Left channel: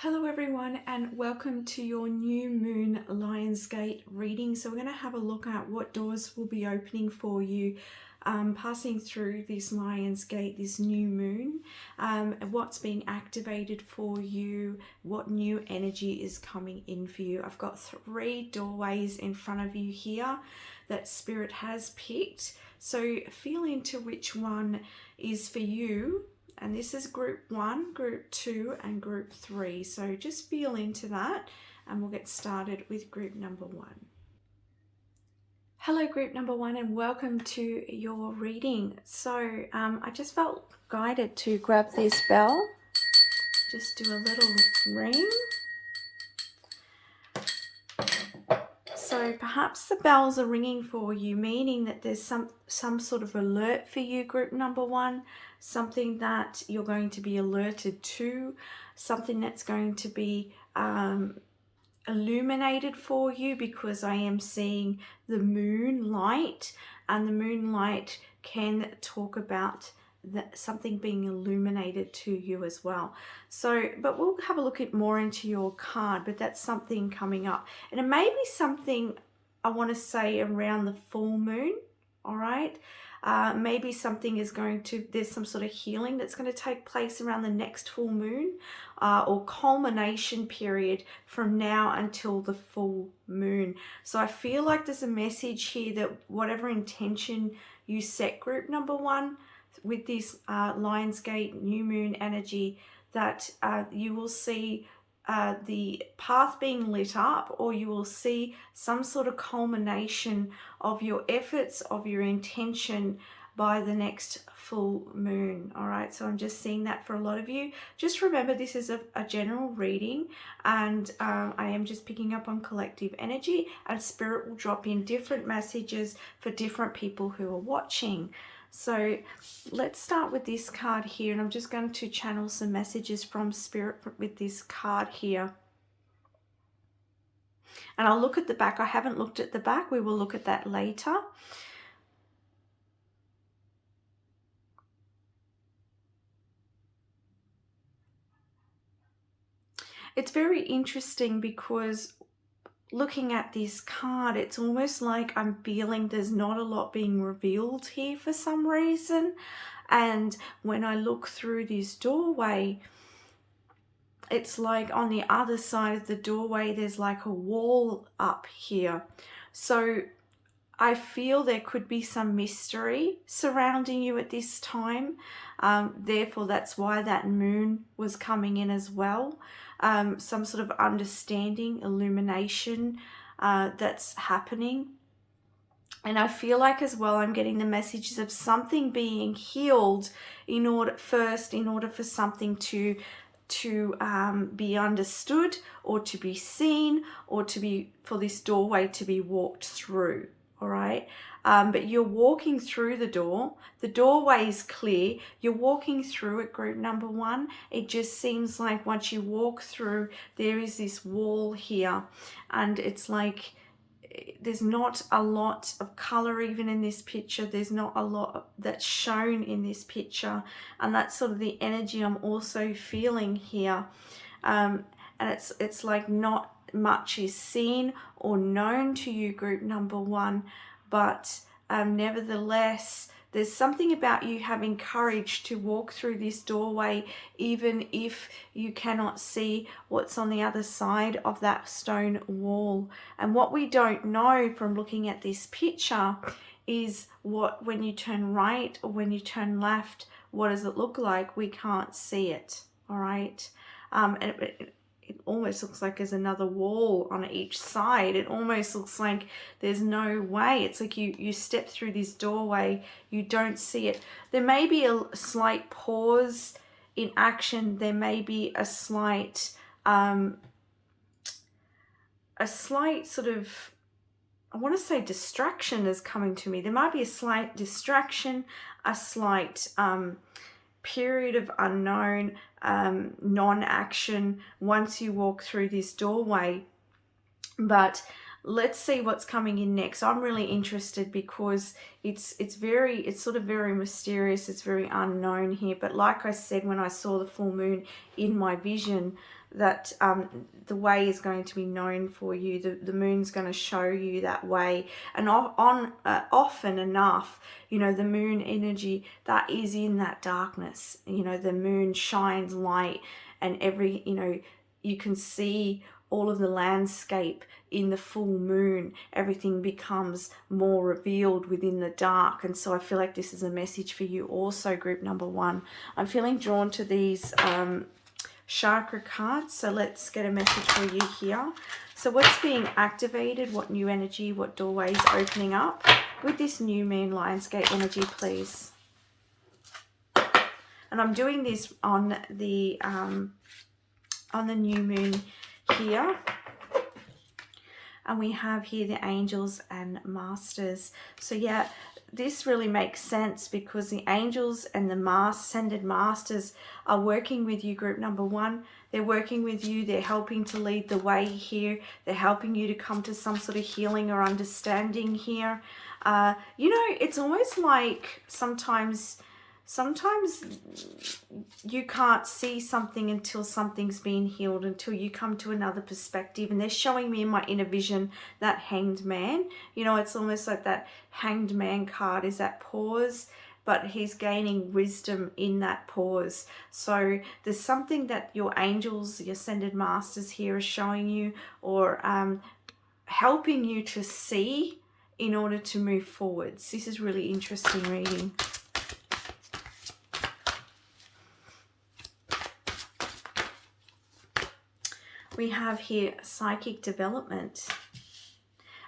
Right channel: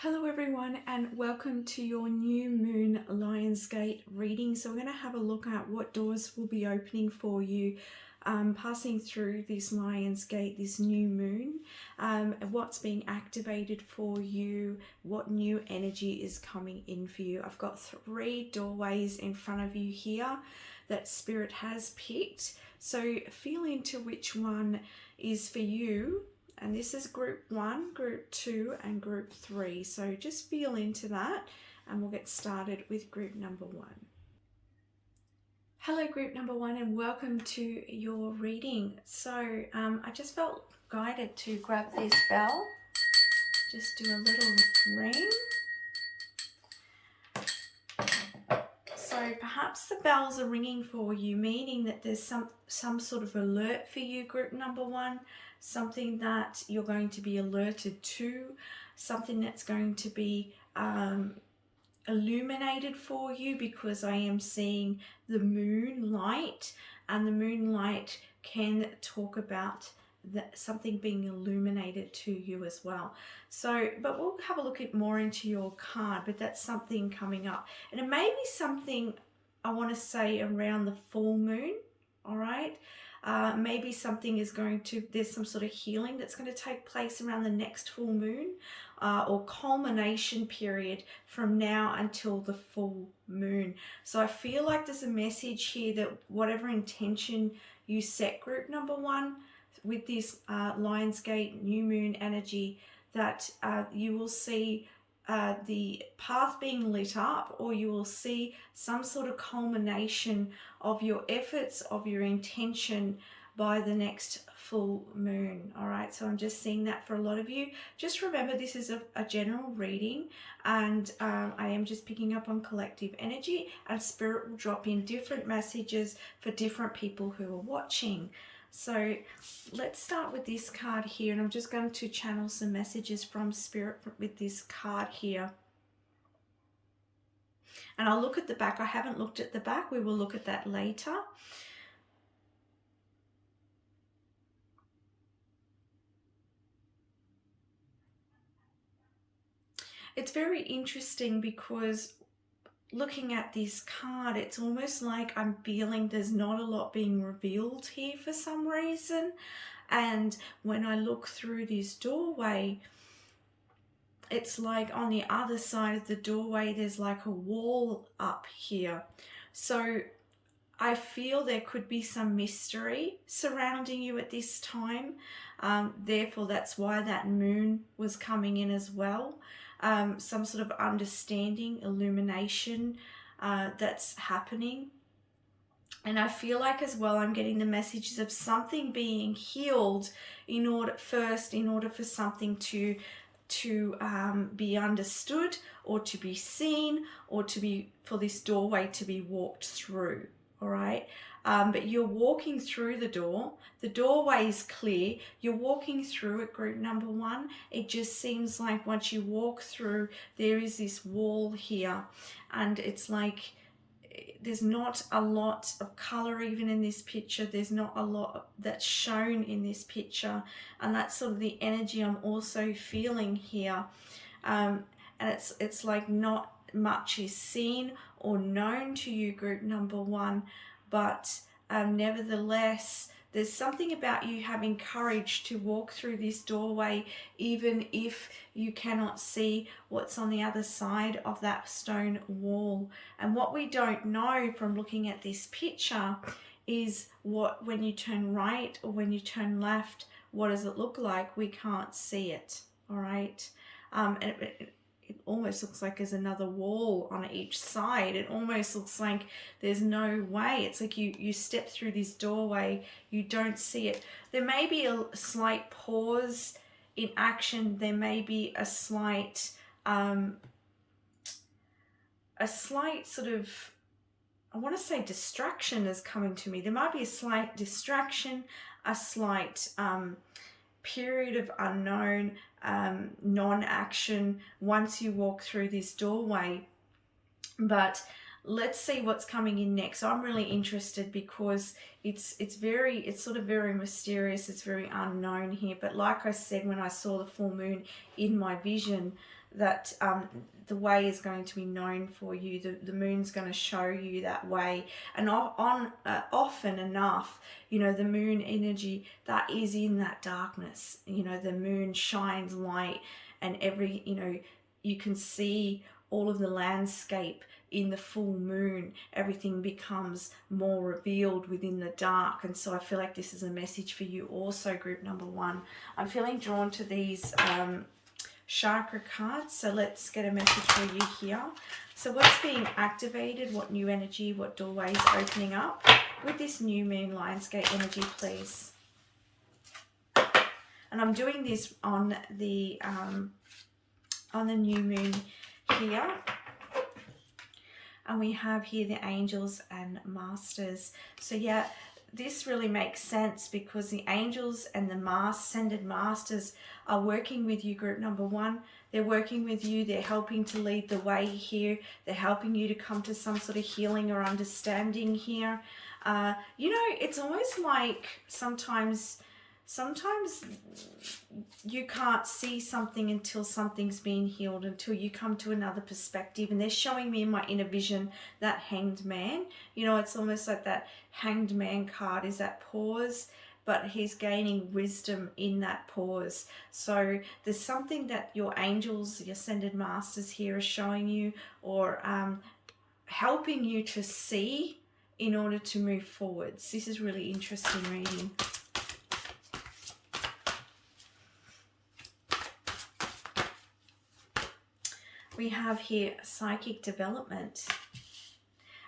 Hello everyone, and welcome to your new moon Lionsgate reading. So we're going to have a look at what doors will be opening for you passing through this Lionsgate, this new moon, what's being activated for you, what new energy is coming in for you. I've got 3 doorways in front of you here that Spirit has picked. So feel into which one is for you. And this is group 1, group 2, and group 3. So just feel into that and we'll get started with group number 1. Hello group number 1, and welcome to your reading. So I just felt guided to grab this bell, just do a little ring. So perhaps the bells are ringing for you, meaning that there's some sort of alert for you, group number 1, something that you're going to be alerted to, something that's going to be illuminated for you, because I am seeing the moonlight, and the moonlight can talk about something being illuminated to you as well. So, but we'll have a look at more into your card, but that's something coming up. And it may be something, I want to say, around the full moon, all right? Maybe something is going to, there's some sort of healing that's going to take place around the next full moon, or culmination period from now until the full moon. So I feel like there's a message here that whatever intention you set, group number 1, with this Lionsgate new moon energy, that you will see the path being lit up, or you will see some sort of culmination of your efforts, of your intention by the next full moon. All right, so I'm just seeing that for a lot of you. Just remember, this is a general reading, and I am just picking up on collective energy, and Spirit will drop in different messages for different people who are watching. So let's start with this card here, and I'm just going to channel some messages from Spirit with this card here. And I'll look at the back. I haven't looked at the back. We will look at that later. It's very interesting because looking at this card, it's almost like I'm feeling there's not a lot being revealed here for some reason. And when I look through this doorway, it's like on the other side of the doorway, there's like a wall up here. So I feel there could be some mystery surrounding you at this time. Therefore, that's why that moon was coming in as well. Some sort of understanding, illumination that's happening. And I feel like as well, I'm getting the messages of something being healed in order for something to be understood, or to be seen, or for this doorway to be walked through. All right, but you're walking through the door. The doorway is clear. You're walking through it, group number 1. It just seems like once you walk through, there is this wall here, and it's like there's not a lot of color even in this picture. There's not a lot that's shown in this picture, and that's sort of the energy I'm also feeling here. And it's like not much is seen or known to you, group number 1, but nevertheless, there's something about you having courage to walk through this doorway, even if you cannot see what's on the other side of that stone wall. And what we don't know from looking at this picture is when you turn right or when you turn left, what does it look like? We can't see it, all right? It almost looks like there's another wall on each side. It almost looks like there's no way. It's like you step through this doorway, you don't see it. There may be a slight pause in action. There may be a slight sort of, I want to say distraction is coming to me. There might be a slight distraction, a slight period of unknown, non-action once you walk through this doorway. But let's see what's coming in next. I'm really interested because it's sort of very mysterious. It's very unknown here. But like I said, when I saw the full moon in my vision, that the way is going to be known for you. The moon's going to show you that way. And often enough, you know, the moon energy, that is in that darkness. You know, the moon shines light, and you know, you can see all of the landscape in the full moon. Everything becomes more revealed within the dark. And so I feel like this is a message for you also, group number 1. I'm feeling drawn to these chakra cards, so let's get a message for you here. So what's being activated, what new energy, what doorways opening up with this new moon Lionsgate energy, please? And I'm doing this on the new moon here. And we have here the angels and masters. So yeah, this really makes sense because the angels and the ascended masters are working with you, group number 1. They're working with you. They're helping to lead the way here. They're helping you to come to some sort of healing or understanding here. You know, it's almost like sometimes you can't see something until something's been healed, until you come to another perspective. And they're showing me in my inner vision that Hanged Man. You know, it's almost like that Hanged Man card is that pause, but he's gaining wisdom in that pause. So there's something that your angels, your ascended masters here are showing you, or helping you to see in order to move forwards. This is really interesting reading. We have here psychic development.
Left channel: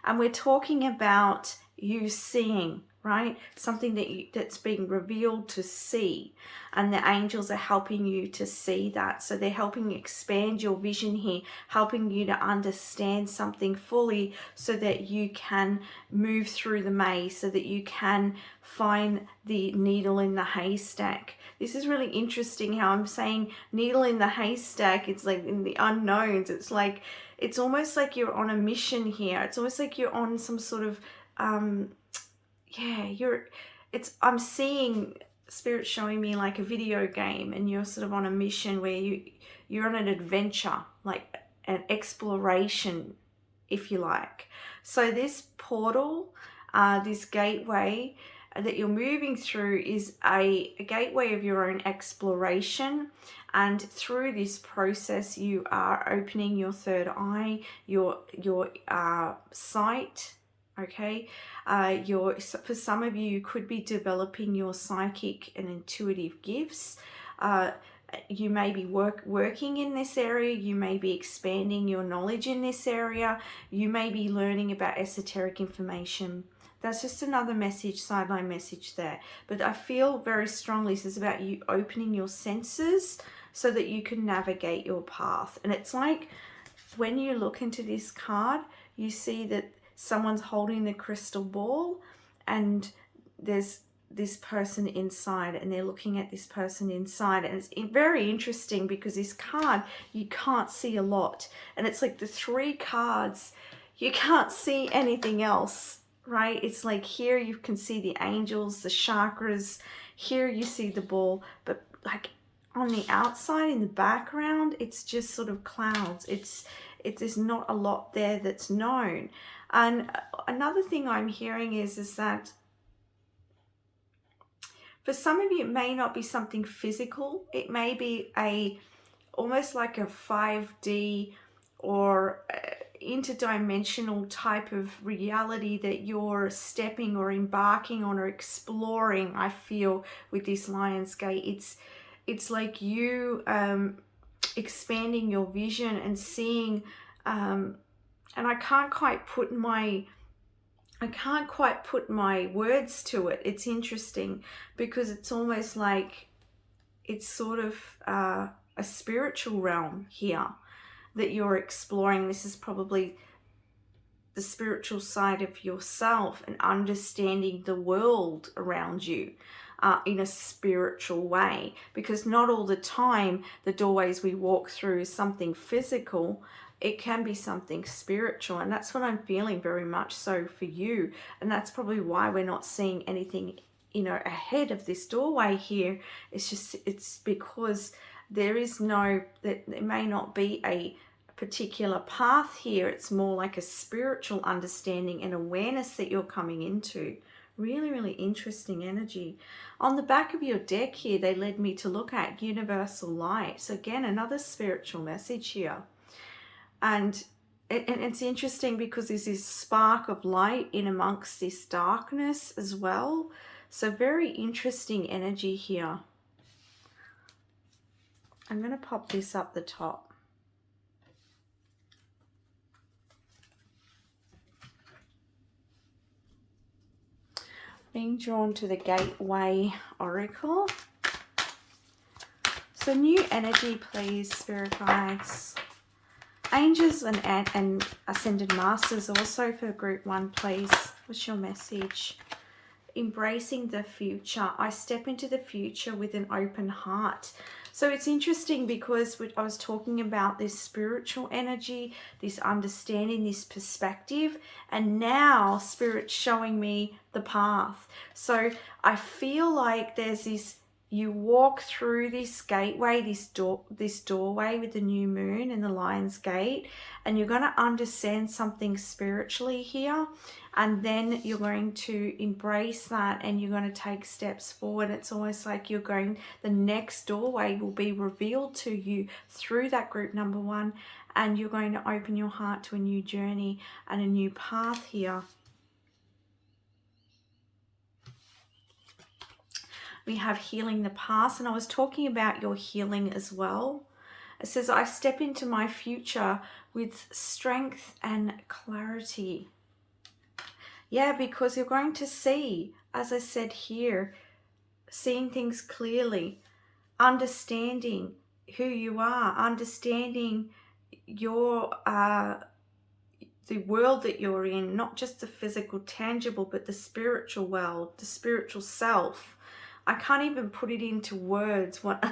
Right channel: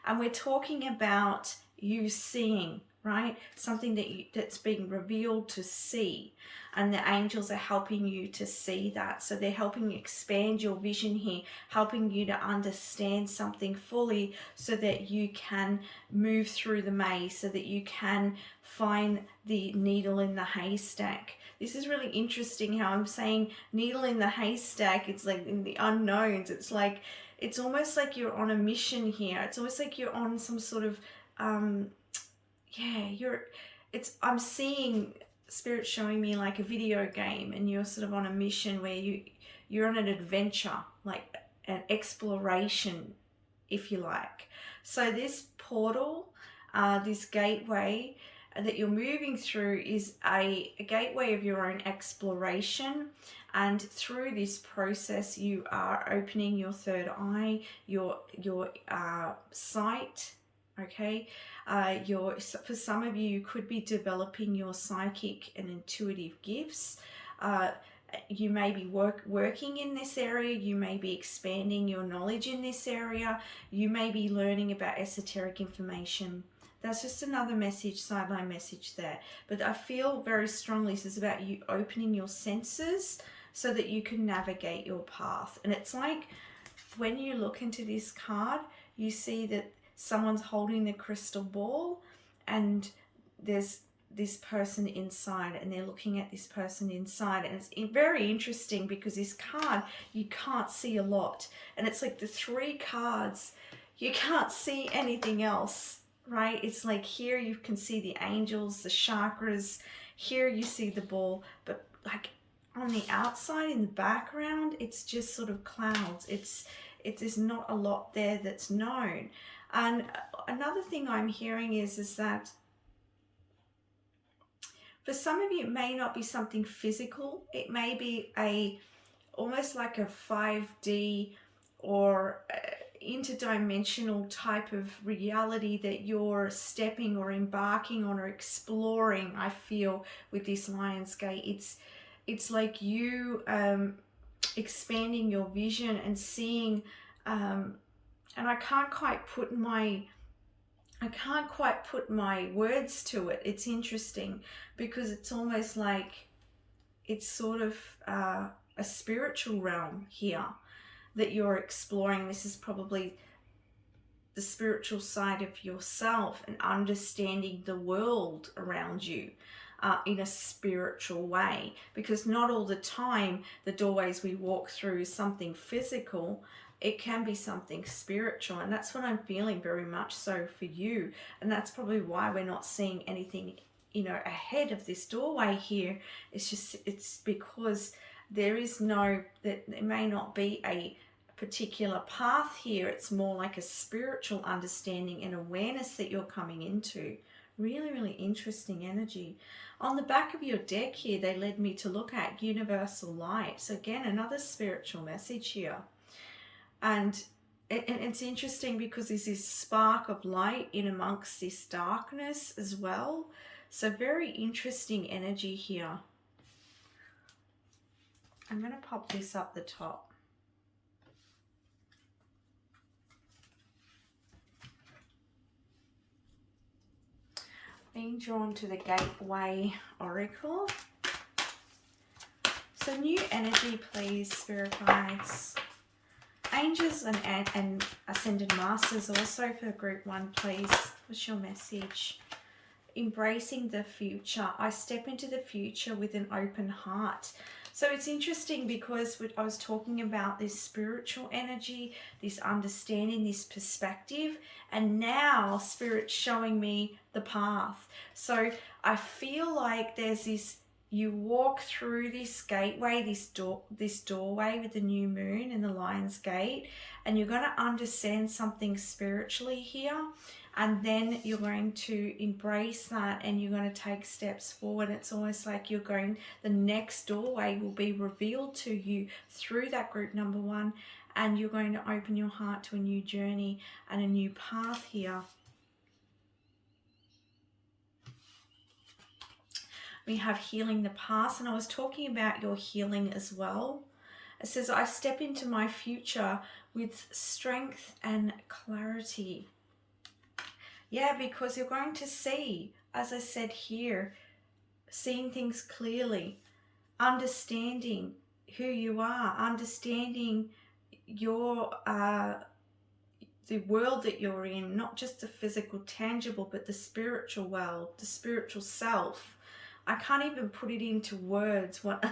And we're talking about you seeing, right? Something that's being revealed to see. And the angels are helping you to see that. So they're helping expand your vision here, helping you to understand something fully so that you can move through the maze, so that you can find the needle in the haystack. This is really interesting how I'm saying needle in the haystack. It's like in the unknowns. It's like, it's almost like you're on a mission here. It's almost like you're on some sort of, I'm seeing Spirit showing me like a video game, and you're sort of on a mission where you're on an adventure, like an exploration, if you like. So this portal, this gateway that you're moving through is a gateway of your own exploration. And through this process, you are opening your third eye, your sight, okay? For some of you, you could be developing your psychic and intuitive gifts. You may be working in this area. You may be expanding your knowledge in this area. You may be learning about esoteric information. That's just another message, sideline message there. But I feel very strongly this is about you opening your senses so that you can navigate your path. And it's like when you look into this card, you see that someone's holding the crystal ball, and there's this person inside, and they're looking at this person inside. And it's very interesting because this card, you can't see a lot. And it's like the 3 cards, you can't see anything else. Right? It's like here you can see the angels, the chakras. Here you see the ball, but like on the outside in the background, it's just sort of clouds. There's not a lot there that's known. And another thing I'm hearing is that for some of you, it may not be something physical. It may be almost like a 5D or interdimensional type of reality that you're stepping or embarking on or exploring. I feel with this Lionsgate, it's like you expanding your vision and seeing, and I can't quite put my words to it. It's interesting because it's almost like it's sort of a spiritual realm here that you're exploring. This is probably the spiritual side of yourself and understanding the world around you in a spiritual way, because not all the time the doorways we walk through is something physical. It can be something spiritual, and that's what I'm feeling very much so for you. And that's probably why we're not seeing anything, you know, ahead of this doorway here. It's because there is no, that there may not be a particular path here. It's more like a spiritual understanding and awareness that you're coming into. Really, really interesting energy. On the back of your deck here, they led me to look at universal light. So again, another spiritual message here. And it's interesting because there's this spark of light in amongst this darkness as well. So very interesting energy here. I'm going to pop this up the top. Being drawn to the Gateway Oracle. So new energy, please, Spirit Guides. Angels and Ascended Masters also for Group 1, please. What's your message? Embracing the future. I step into the future with an open heart. So it's interesting because I was talking about this spiritual energy, this understanding, this perspective, and now Spirit's showing me the path. So I feel like there's this, you walk through this gateway, this doorway with the new moon and the Lion's Gate, and you're going to understand something spiritually here. And then you're going to embrace that and you're going to take steps forward. It's almost like you're going, the next doorway will be revealed to you through that group number 1, and you're going to open your heart to a new journey and a new path here. We have healing the past, and I was talking about your healing as well. It says, I step into my future with strength and clarity. Yeah, because you're going to see, as I said here, seeing things clearly, understanding who you are, understanding your the world that you're in, not just the physical, tangible, but the spiritual world, the spiritual self. I can't even put it into words what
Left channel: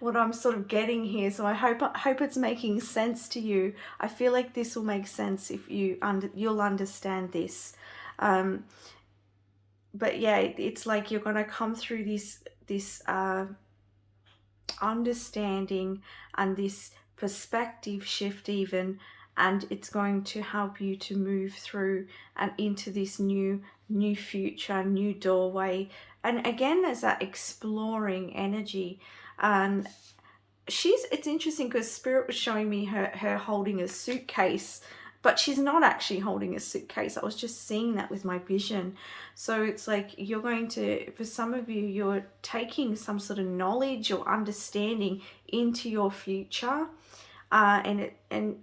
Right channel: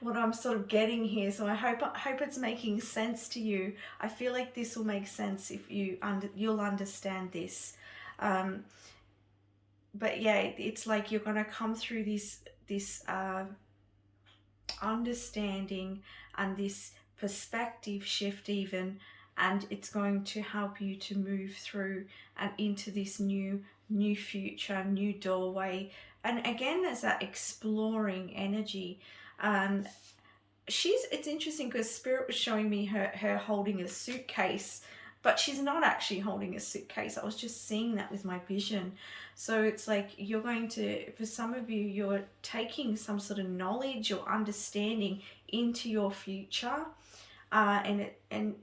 what I'm sort of getting here. So I hope it's making sense to you. I feel like this will make sense if you'll understand this. But yeah, it's like you're going to come through this understanding and this perspective shift even, and it's going to help you to move through and into this new future, new doorway. And again, there's that exploring energy. And it's interesting because Spirit was showing me her holding a suitcase, but she's not actually holding a suitcase. I was just seeing that with my vision. So it's like you're going to, for some of you, you're taking some sort of knowledge or understanding into your future. And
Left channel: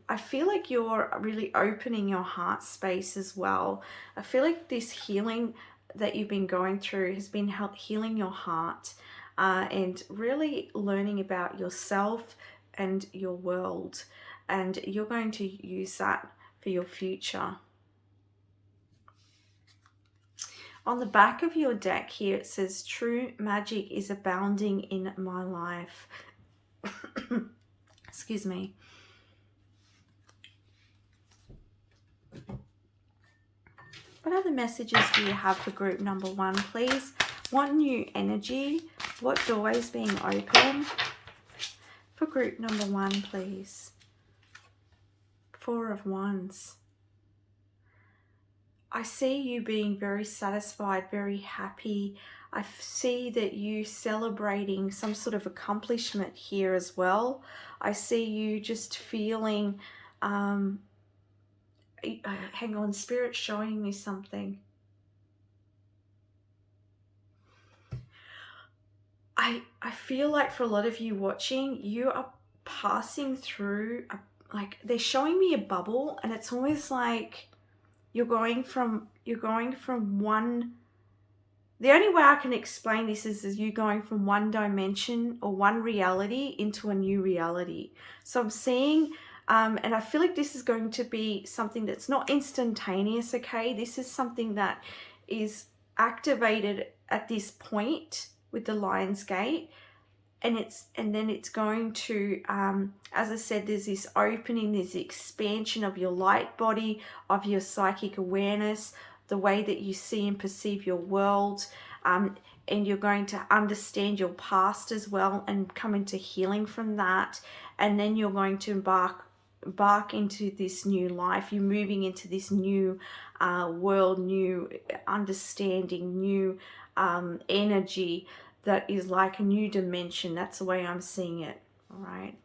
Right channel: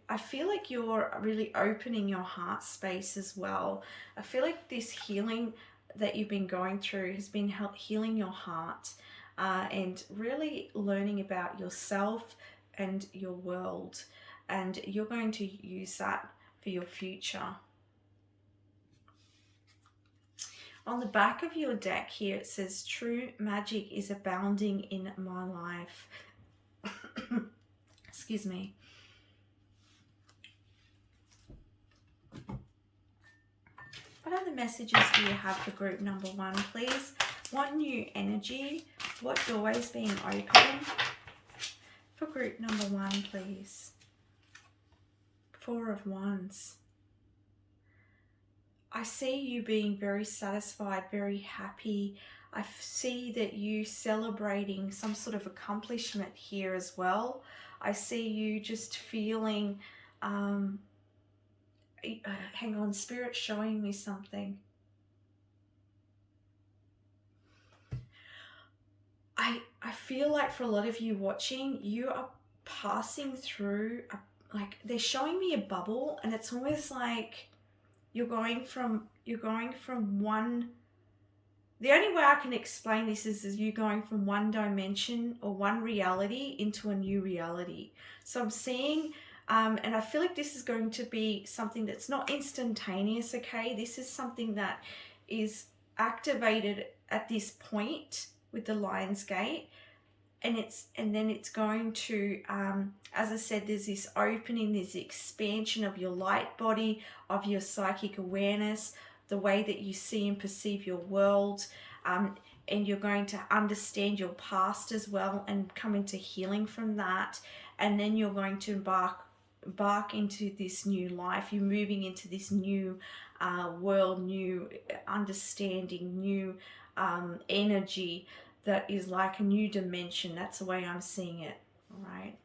I feel like you're really opening your heart space as well. I feel like this healing that you've been going through has been healing your heart, and really learning about yourself and your world. And you're going to use that for your future. On the back of your deck here, it says, true magic is abounding in my life. Excuse me. What other messages do you have for group number 1, please? What new energy? What doorways being open? For group number 1, please. 4 of Wands. I see you being very satisfied, very happy. I see that you celebrating some sort of accomplishment here as well. I see you just feeling, hang on, Spirit's showing me something. I feel like for a lot of you watching, you are passing through, like they're showing me a bubble, and it's almost like you're going from one, the only way I can explain this is you going from one dimension or one reality into a new reality. So I'm seeing, and I feel like this is going to be something that's not instantaneous, okay? This is something that is activated at this point with the Lion's Gate, and then it's going to, as I said, there's this opening, there's the expansion of your light body, of your psychic awareness, the way that you see and perceive your world. and you're going to understand your past as well and come into healing from that. And then you're going to embark into this new life. You're moving into this new world, new understanding, new energy that is like a new dimension. That's the way I'm seeing it. All right.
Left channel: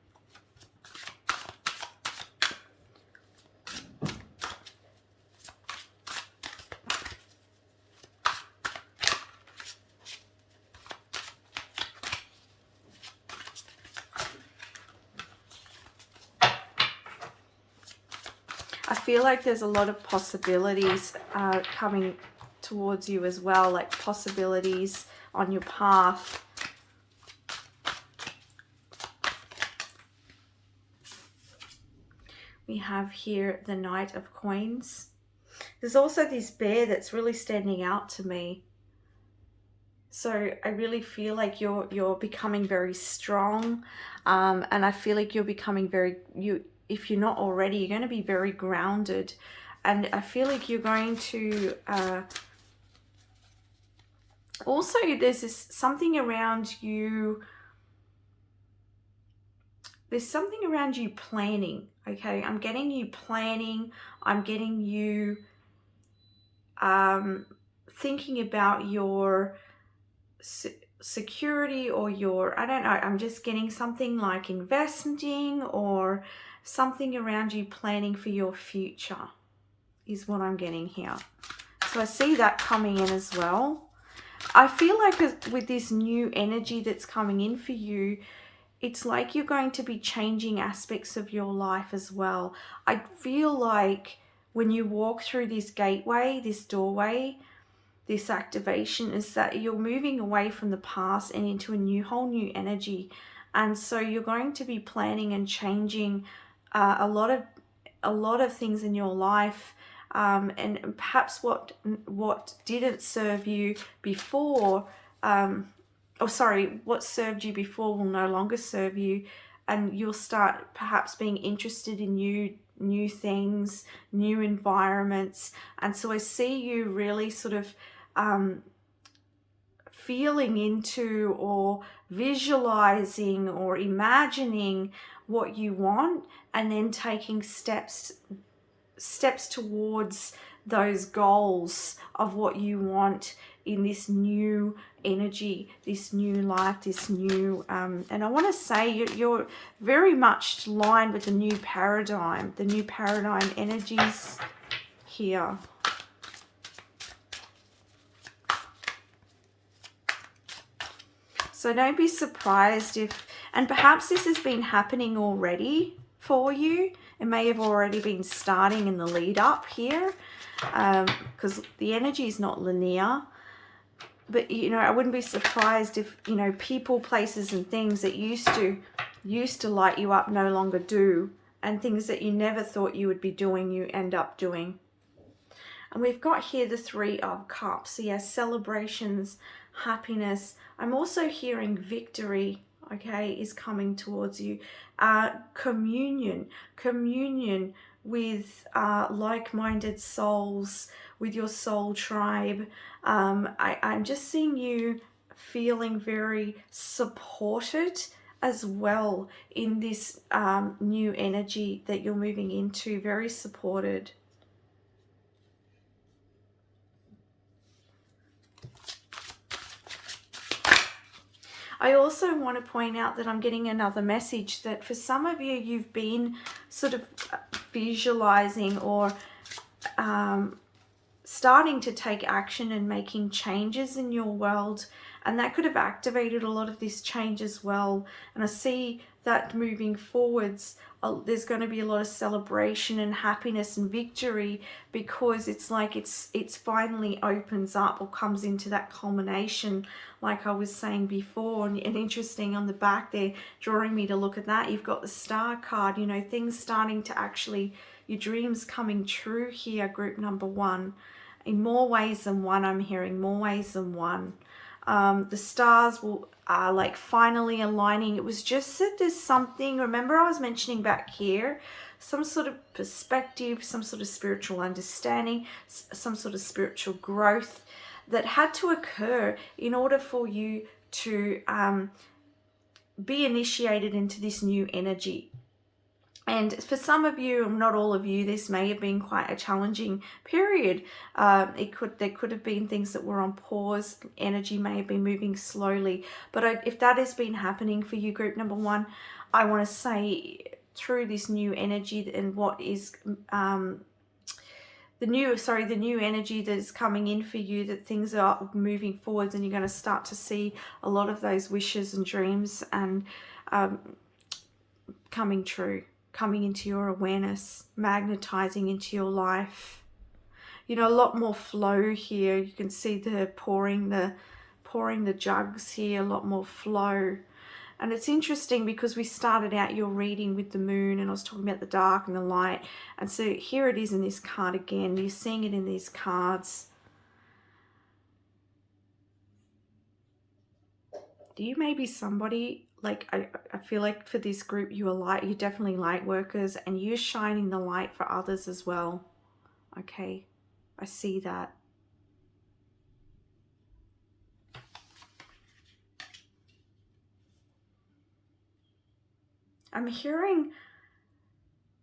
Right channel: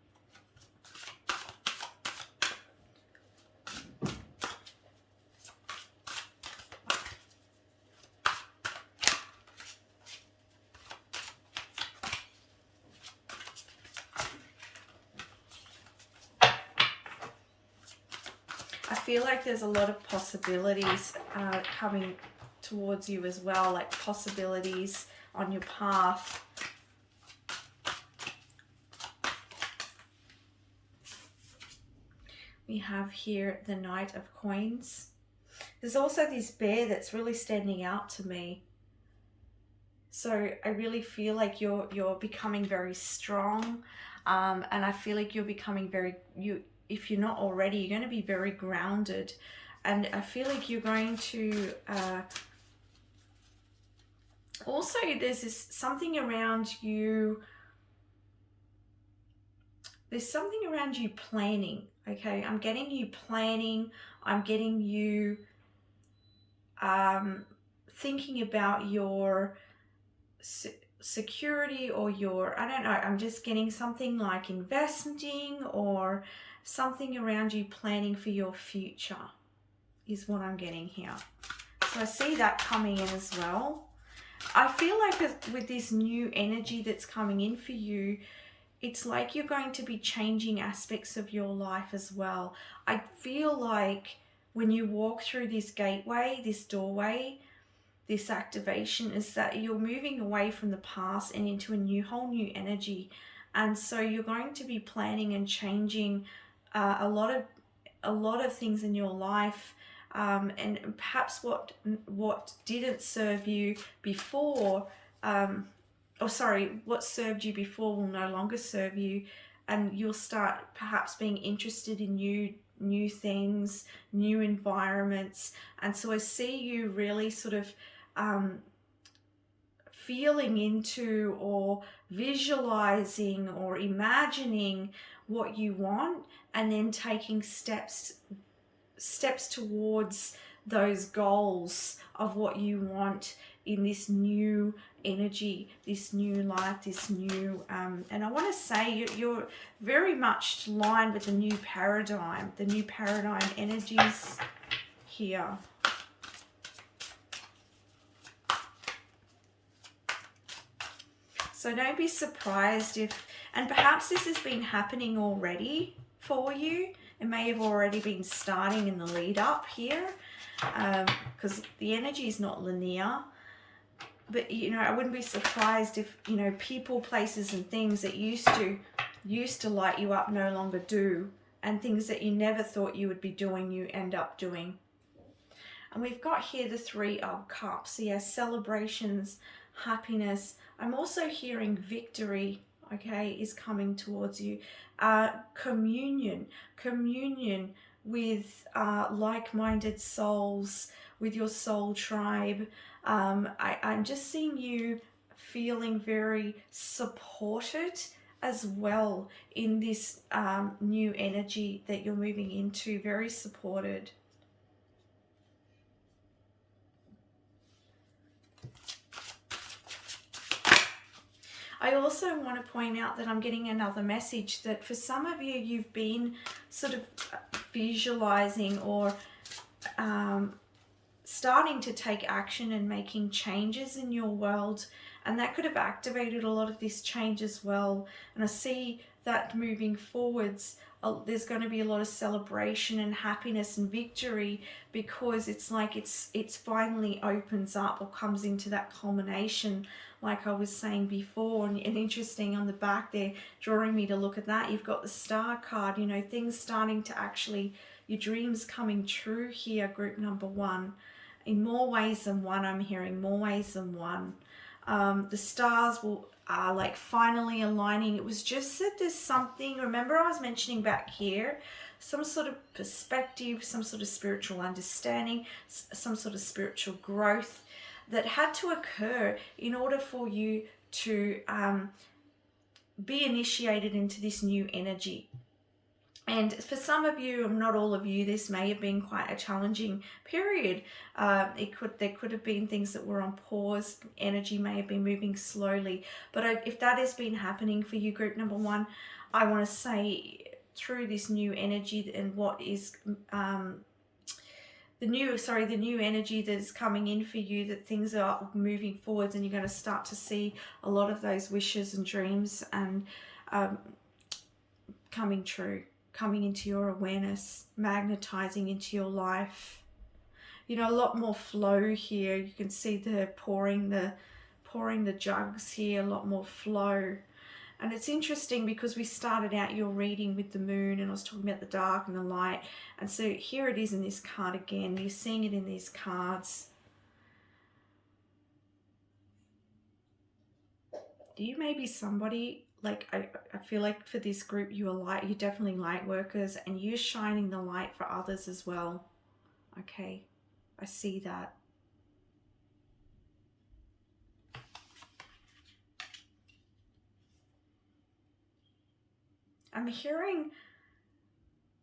I feel like there's a lot of possibilities coming towards you as well, like possibilities on your path. We have here the Knight of Coins. There's also this bear that's really standing out to me. So I really feel like you're becoming very strong, and I feel like you're becoming if you're not already, you're going to be very grounded, and I feel like you're going to also, there's something around you. There's something around you planning. Okay, I'm getting you planning. I'm getting you thinking about your security or your, I don't know, I'm just getting something like investing or something around you planning for your future is what I'm getting here. So I see that coming in as well. I feel like with this new energy that's coming in for you, it's like you're going to be changing aspects of your life as well. I feel like when you walk through this gateway, this doorway, this activation is that you're moving away from the past and into a whole new energy. And so you're going to be planning and changing a lot of things in your life, and perhaps what didn't serve you before, what served you before will no longer serve you, and you'll start perhaps being interested in new things, new environments. And so I see you really sort of feeling into or visualizing or imagining what you want, and then taking steps towards those goals of what you want in this new energy, this new life, this new and I want to say you're very much aligned with the new paradigm energies here. So don't be surprised if, and perhaps this has been happening already for you. It may have already been starting in the lead up here, because the energy is not linear. But, you know, I wouldn't be surprised if, you know, people, places and things that used to light you up no longer do, and things that you never thought you would be doing, you end up doing. And we've got here the Three of Cups. So yeah, celebrations, happiness. I'm also hearing victory, okay, is coming towards you. Communion with like-minded souls, with your soul tribe. I'm just seeing you feeling very supported as well in this new energy that you're moving into, very supported. I also want to point out that I'm getting another message that for some of you, you've been sort of visualizing or starting to take action and making changes in your world, and that could have activated a lot of this change as well. And I see that moving forwards, there's going to be a lot of celebration and happiness and victory, because it's like it's finally opens up or comes into that culmination, like I was saying before. And interesting, on the back there, drawing me to look at that, you've got the Star card, you know, things starting to actually, your dreams coming true here, group number one. In more ways than one, I'm hearing more ways than one. The stars are like finally aligning. It was just that there's something, remember I was mentioning back here, some sort of perspective, some sort of spiritual understanding, some sort of spiritual growth that had to occur in order for you to be initiated into this new energy. And for some of you, not all of you, this may have been quite a challenging period. There could have been things that were on pause. Energy may have been moving slowly. But if that has been happening for you, group number one, I want to say through this new energy and what is the new energy that is coming in for you, that things are moving forwards, and you're going to start to see a lot of those wishes and dreams and coming true, coming into your awareness, magnetizing into your life. You know, a lot more flow here. You can see the pouring the jugs here, a lot more flow. And it's interesting because we started out your reading with the moon, and I was talking about the dark and the light. And so here it is in this card again. You're seeing it in these cards. Do you maybe somebody, like, I feel like for this group, you're definitely light workers, and you're shining the light for others as well. Okay, I see that. I'm hearing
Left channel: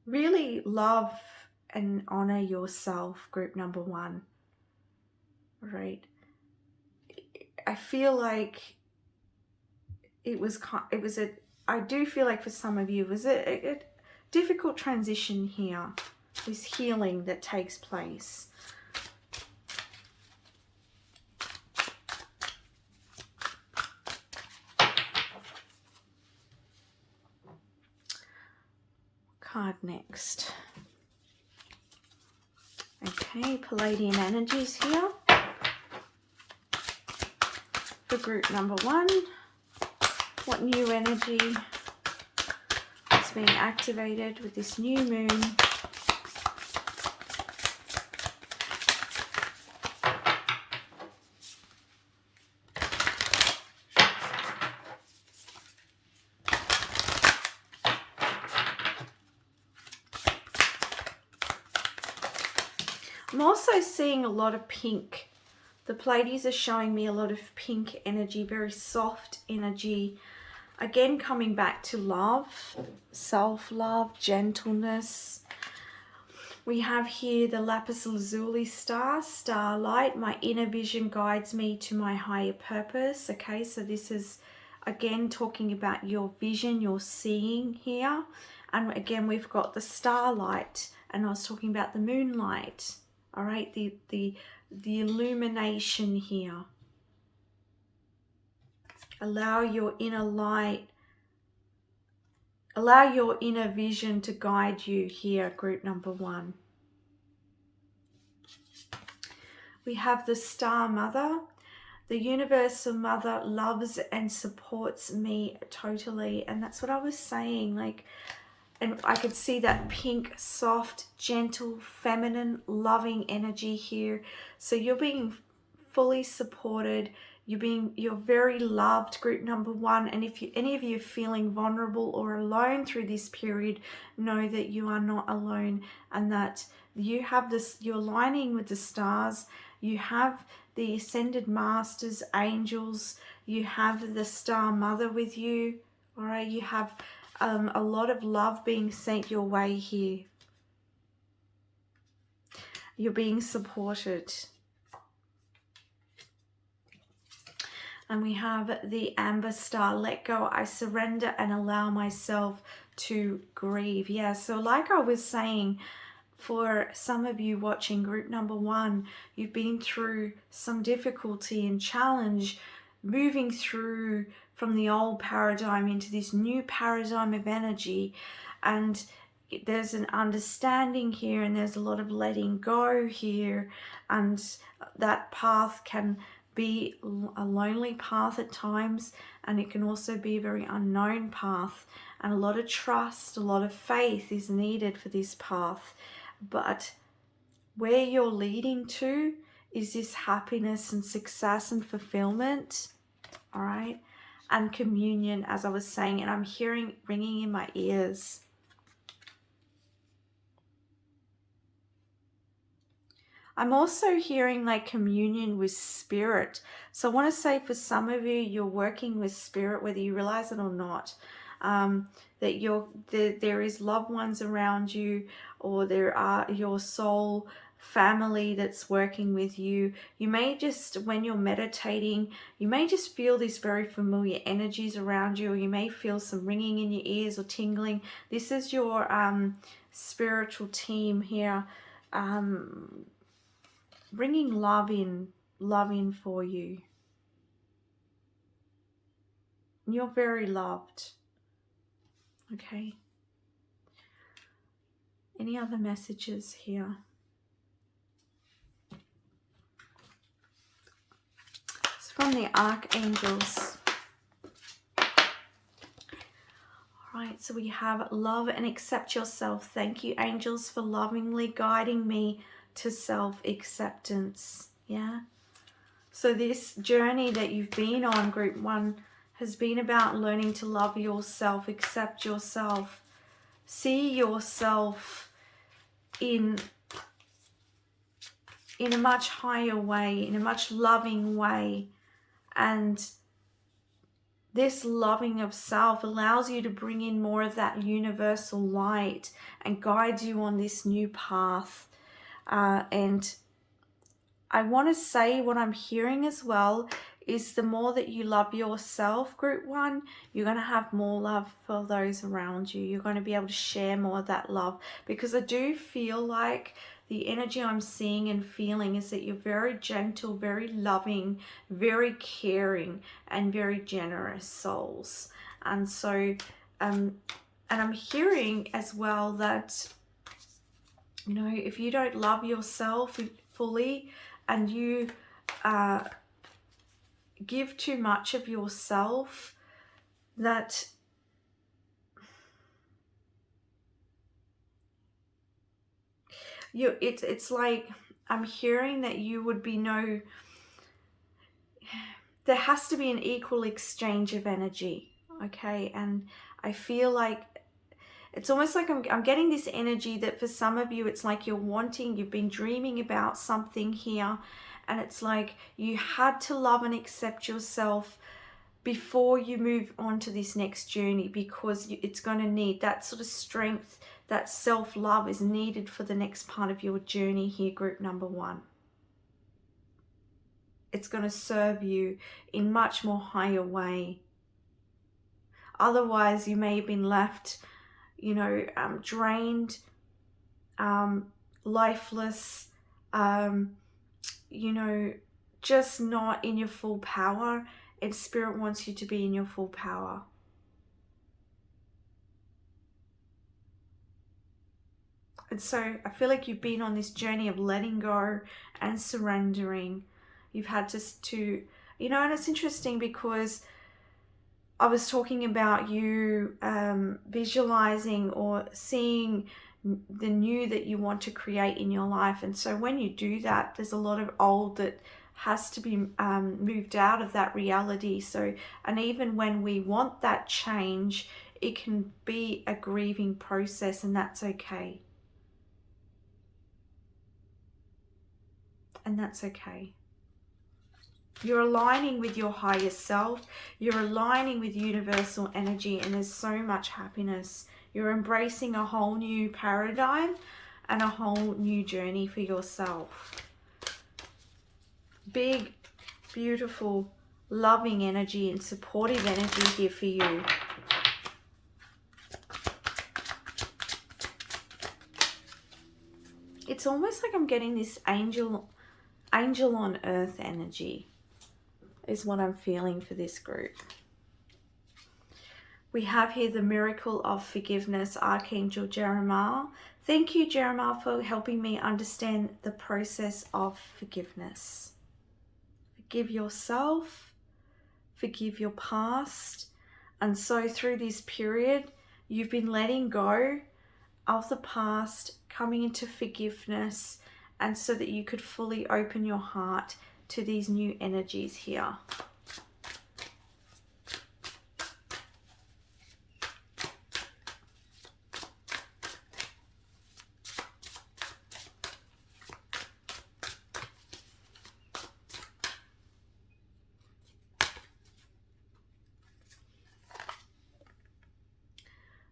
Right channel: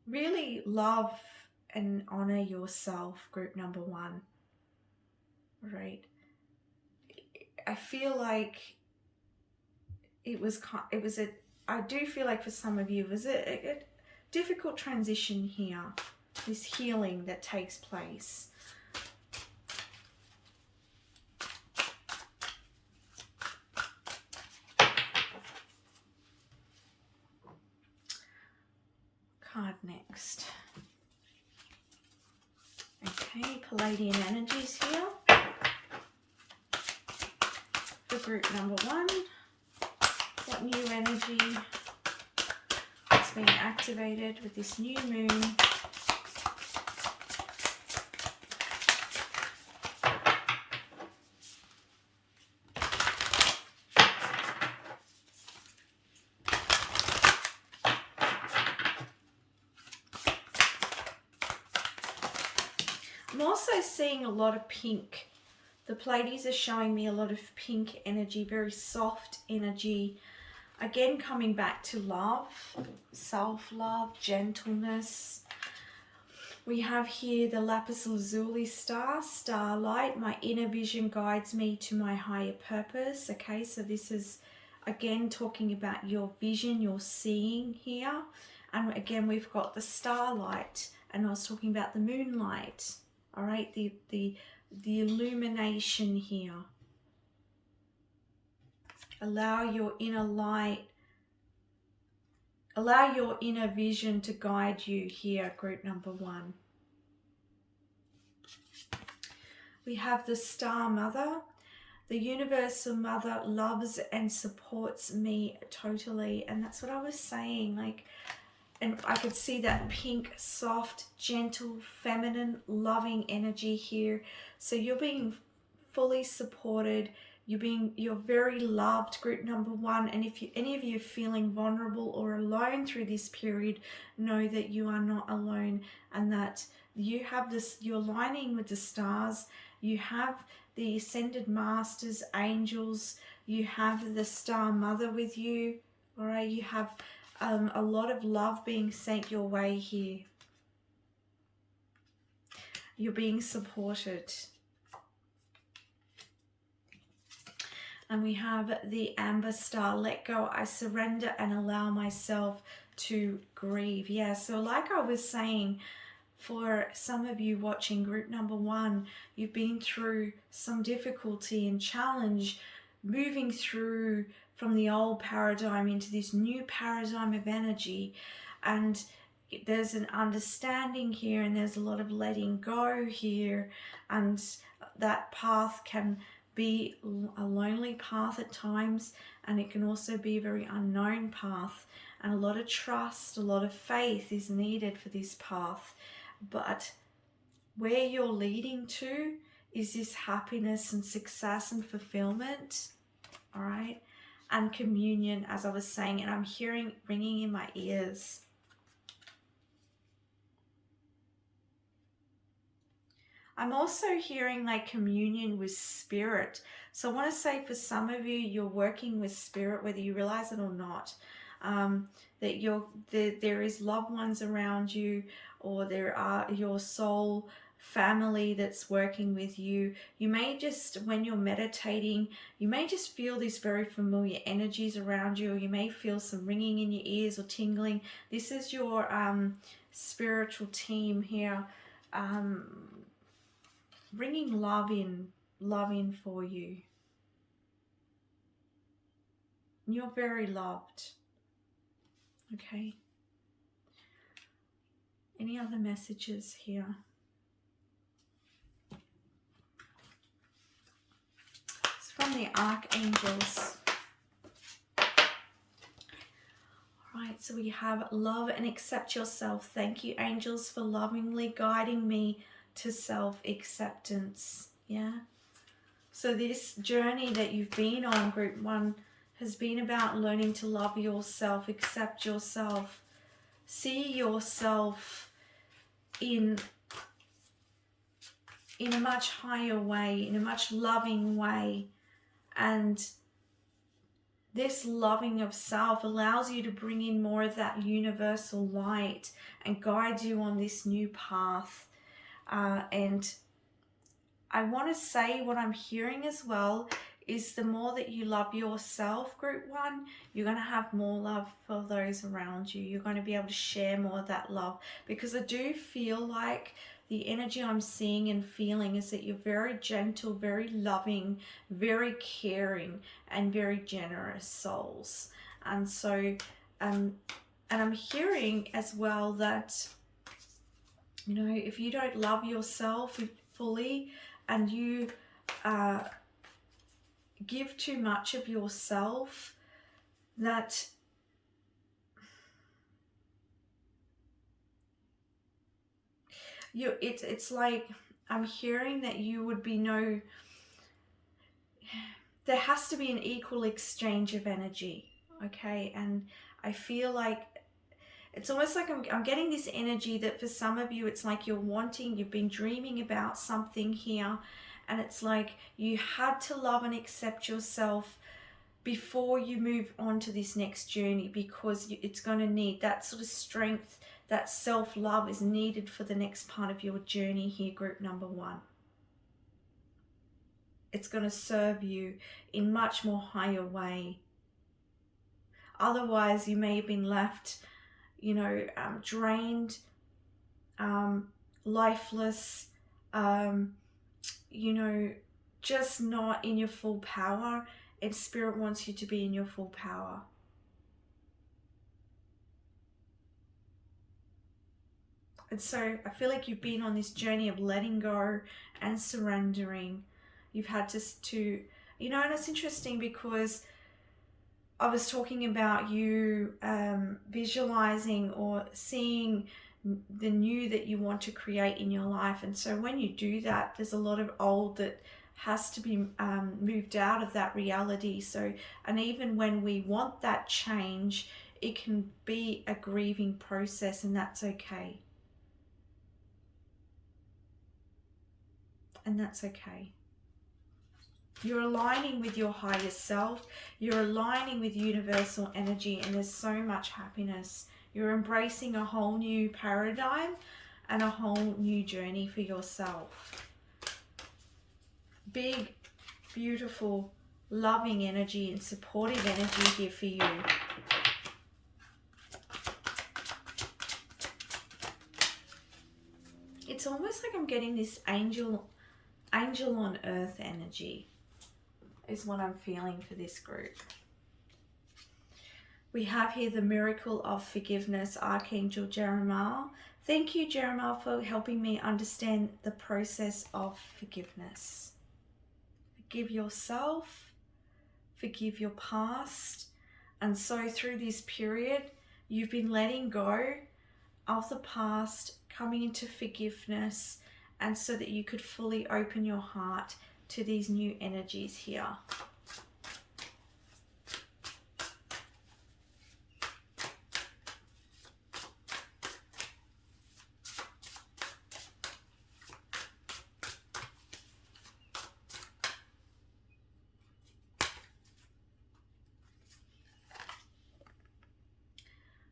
really love and honor yourself, group number one. Right. I feel like I do feel like for some of you, it was a difficult transition here, this healing that takes place. Card next. Okay, Palladian energies here for group number one. What new energy is being activated with this new moon? I'm also seeing a lot of pink. The Pleiades are showing me a lot of pink energy, very soft energy. Again, coming back to love, self-love, gentleness. We have here the lapis lazuli star, starlight. My inner vision guides me to my higher purpose. Okay, so this is, again, talking about your vision, your seeing here. And again, we've got the starlight, and I was talking about the moonlight. All right, the illumination here. Allow your inner light, allow your inner vision to guide you here, group number one. We have the Star Mother. The Universal Mother loves and supports me totally. And that's what I was saying, like, and I could see that pink, soft, gentle, feminine, loving energy here. So you're being fully supported. You're very loved, group number one. And if any of you are feeling vulnerable or alone through this period, know that you are not alone, and that you have this, you're aligning with the stars. You have the ascended masters, angels. You have the Star Mother with you. All right, you have a lot of love being sent your way here. You're being supported. And we have the Amber Star, let go, I surrender and allow myself to grieve. Yeah, so like I was saying, for some of you watching group number one, you've been through some difficulty and challenge, moving through from the old paradigm into this new paradigm of energy. And there's an understanding here, and there's a lot of letting go here. And that path can be a lonely path at times, and it can also be a very unknown path, and a lot of trust, a lot of faith is needed for this path. But where you're leading to is this happiness and success and fulfillment, all right, and communion, as I was saying, and I'm hearing ringing in my ears. I'm also hearing like communion with spirit. So I want to say for some of you, you're working with spirit, whether you realize it or not, that there is loved ones around you, or there are your soul family that's working with you. You may just, when you're meditating, you may just feel these very familiar energies around you, or you may feel some ringing in your ears or tingling. This is your spiritual team here, bringing love in for you. You're very loved. Okay. Any other messages here? It's from the Archangels. Right, so we have love and accept yourself. Thank you, angels, for lovingly guiding me to self-acceptance. Yeah. So this journey that you've been on, group 1, has been about learning to love yourself, accept yourself, see yourself in a much higher way, in a much loving way. And this loving of self allows you to bring in more of that universal light and guides you on this new path. And I want to say, what I'm hearing as well is, the more that you love yourself, group 1, you're going to have more love for those around you. You're going to be able to share more of that love, because I do feel like the energy I'm seeing and feeling is that you're very gentle, very loving, very caring, and very generous souls. And so, and I'm hearing as well that, you know, if you don't love yourself fully, and you give too much of yourself, that it's like, I'm hearing that you would be there has to be an equal exchange of energy, okay? And I feel like it's almost like I'm getting this energy that for some of you, it's like you've been dreaming about something here, and it's like you had to love and accept yourself before you move on to this next journey, because it's going to need that sort of strength, that self-love is needed for the next part of your journey here, group number 1. It's going to serve you in much more higher way. Otherwise, you may have been left, you know, drained, lifeless, you know, just not in your full power. And Spirit wants you to be in your full power. And so I feel like you've been on this journey of letting go and surrendering. You've had to, you know, and it's interesting because I was talking about you visualizing or seeing the new that you want to create in your life. And so when you do that, there's a lot of old that has to be moved out of that reality. So, and even when we want that change, it can be a grieving process, and that's okay. And that's okay. You're aligning with your higher self. You're aligning with universal energy, and there's so much happiness. You're embracing a whole new paradigm and a whole new journey for yourself. Big, beautiful, loving energy and supportive energy here for you. It's almost like I'm getting this angel on earth energy is what I'm feeling for this group. We have here the miracle of forgiveness, Archangel Jeremiah. Thank you, Jeremiah, for helping me understand the process of forgiveness. Forgive yourself, forgive your past. And so through this period, you've been letting go of the past, coming into forgiveness, and so that you could fully open your heart to these new energies here.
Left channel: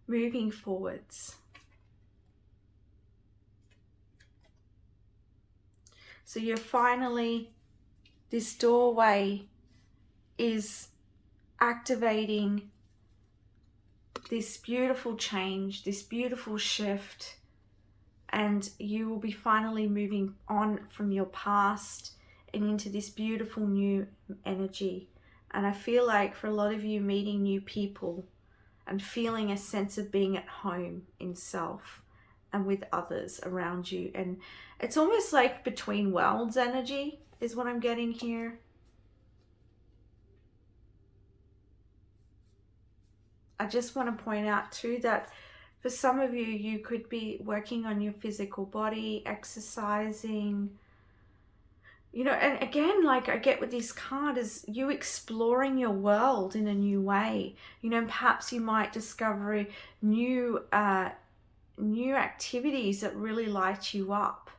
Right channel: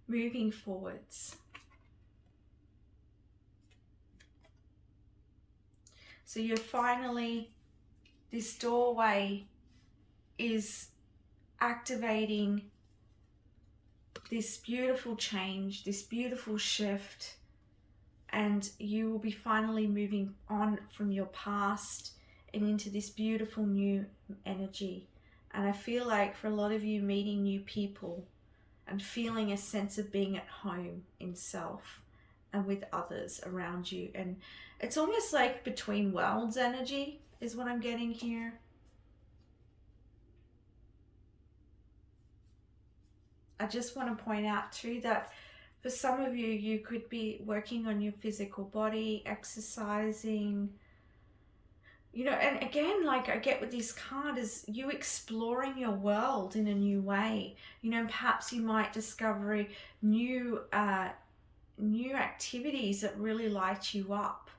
moving forwards. So you're finally, this doorway is activating this beautiful change, this beautiful shift, and you will be finally moving on from your past and into this beautiful new energy. And I feel like for a lot of you, meeting new people and feeling a sense of being at home in self and with others around you. And it's almost like between worlds energy is what I'm getting here. I just want to point out too that for some of you, you could be working on your physical body, exercising, you know, and again, like I get with this card is you exploring your world in a new way. You know, perhaps you might discover new new activities that really light you up.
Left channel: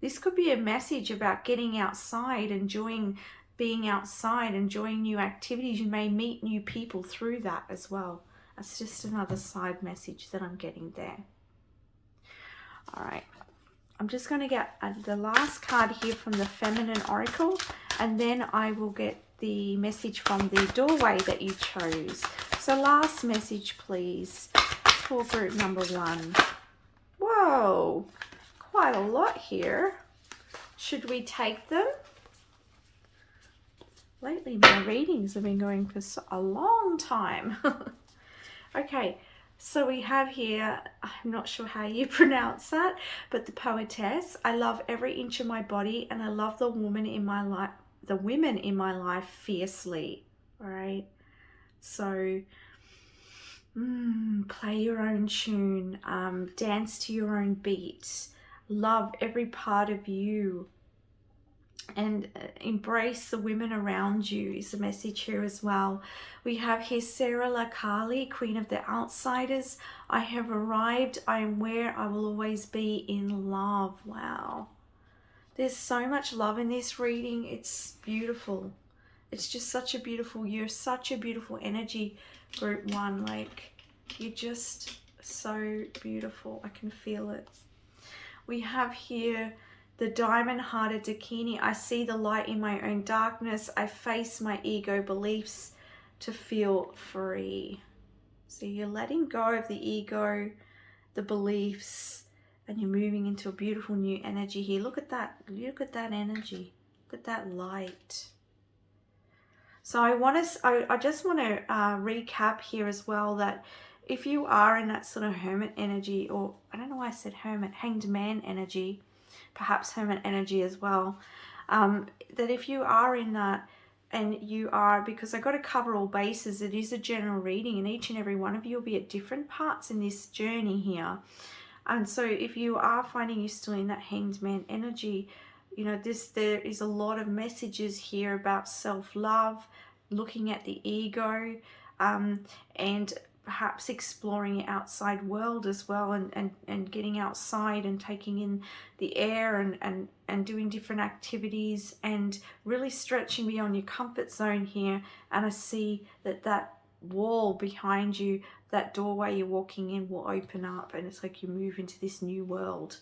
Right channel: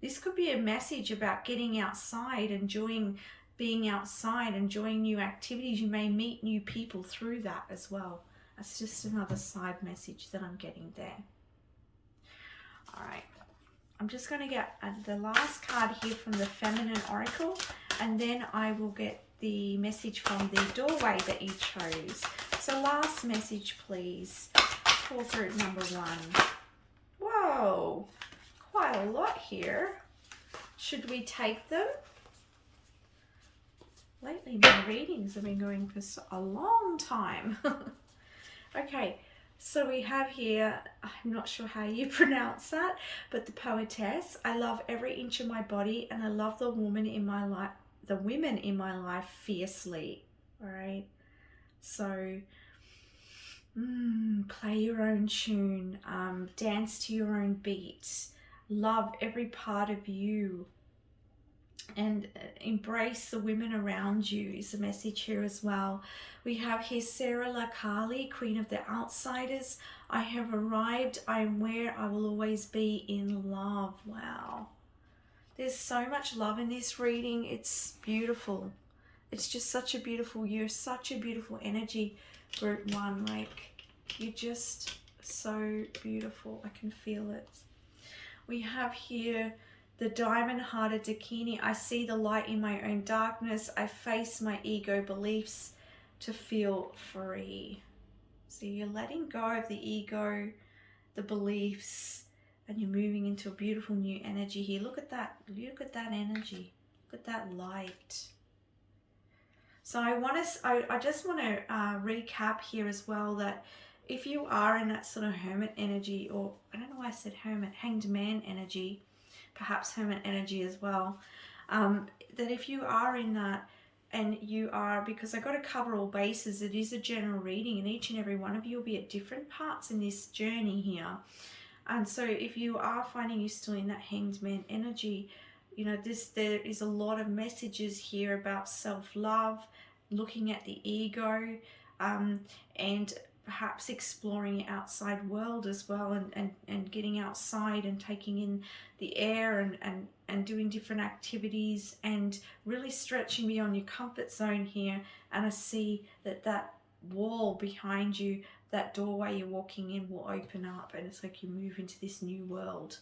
This could be a message about getting outside, enjoying being outside, enjoying new activities. You may meet new people through that as well. That's just another side message that I'm getting there. All right. I'm just going to get the last card here from the Feminine Oracle, and then I will get the message from the doorway that you chose. So last message, please, for group number 1. Whoa, quite a lot here. Should we take them? Lately, my readings have been going for a long time. Okay, so we have here, I'm not sure how you pronounce that, but the Poetess. I love every inch of my body, and I love the woman in my life, the women in my life fiercely. All right, so play your own tune, dance to your own beat, love every part of you, and embrace the women around you is the message here as well. We have here Sarah Lakali, Queen of the Outsiders. I have arrived. I am where I will always be, in love. Wow. There's so much love in this reading. It's beautiful. It's just such a beautiful, you're such a beautiful energy, group 1. Like, you're just so beautiful. I can feel it. We have here the Diamond-Hearted Dakini. I see the light in my own darkness. I face my ego beliefs to feel free. So you're letting go of the ego, the beliefs, and you're moving into a beautiful new energy here. Look at that. Look at that energy. Look at that light. So I just want to recap here as well that if you are in that sort of hermit energy, or I don't know why I said hermit, hanged man energy, perhaps hermit energy as well, that if you are in that, and you are, because I've got to cover all bases, it is a general reading, and each and every one of you will be at different parts in this journey here. And so if you are finding you're still in that hanged man energy, you know, there is a lot of messages here about self-love, looking at the ego, and perhaps exploring the outside world as well, and getting outside and taking in the air, and doing different activities, and really stretching beyond your comfort zone here. And I see that wall behind you, that doorway you're walking in, will open up, and it's like you move into this new world.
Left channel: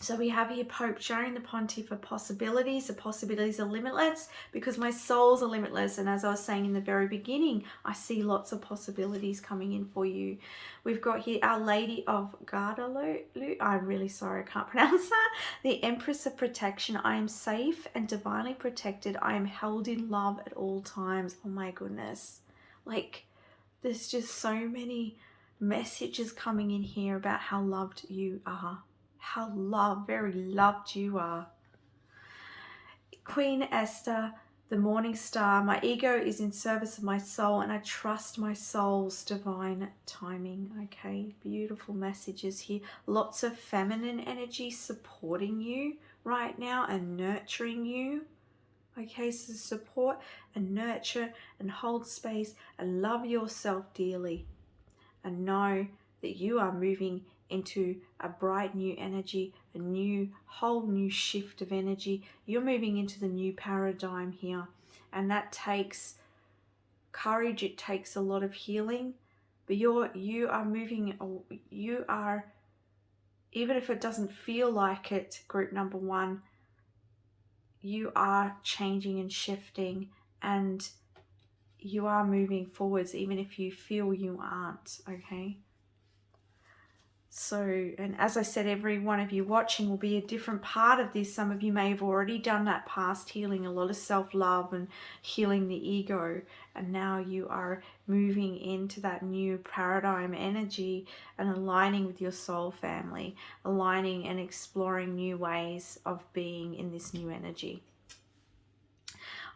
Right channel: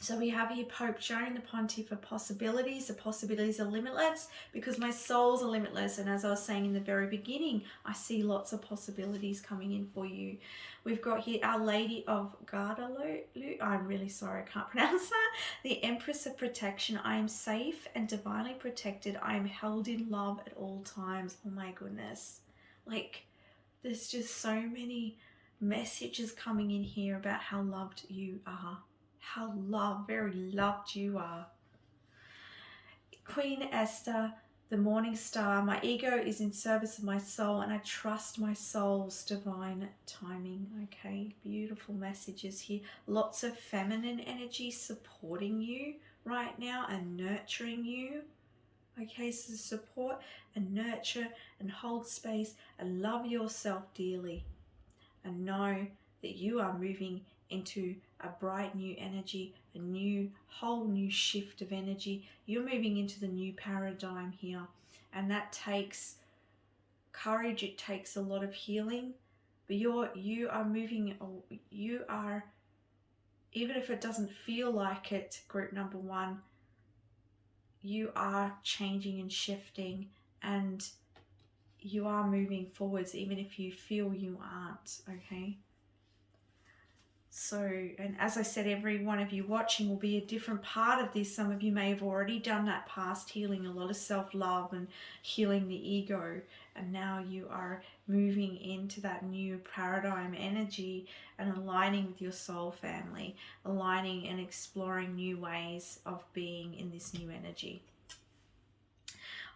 So we have here Pope Joan the Pontiff of possibilities. The possibilities are limitless because my souls are limitless. And as I was saying in the very beginning, I see lots of possibilities coming in for you. We've got here Our Lady of Guadalupe. I'm really sorry, I can't pronounce that. The Empress of Protection. I am safe and divinely protected. I am held in love at all times. Oh my goodness. Like, there's just so many messages coming in here about how loved you are. How very loved you are. Queen Esther, the morning star. My ego is in service of my soul, and I trust my soul's divine timing. Okay, beautiful messages here. Lots of feminine energy supporting you right now and nurturing you. Okay, so support and nurture and hold space and love yourself dearly, and know that you are moving into a bright new energy, a whole new shift of energy. You're moving into the new paradigm here, and that takes courage. It takes a lot of healing, But you are moving, you are, even if it doesn't feel like it, group number one, you are changing and shifting, and you are moving forwards, even if you feel you aren't, okay? So, and as I said, every one of you watching will be a different part of this. Some of you may have already done that past healing, a lot of self-love and healing the ego. And now you are moving into that new paradigm energy and aligning with your soul family, aligning and exploring new ways of being in this new energy.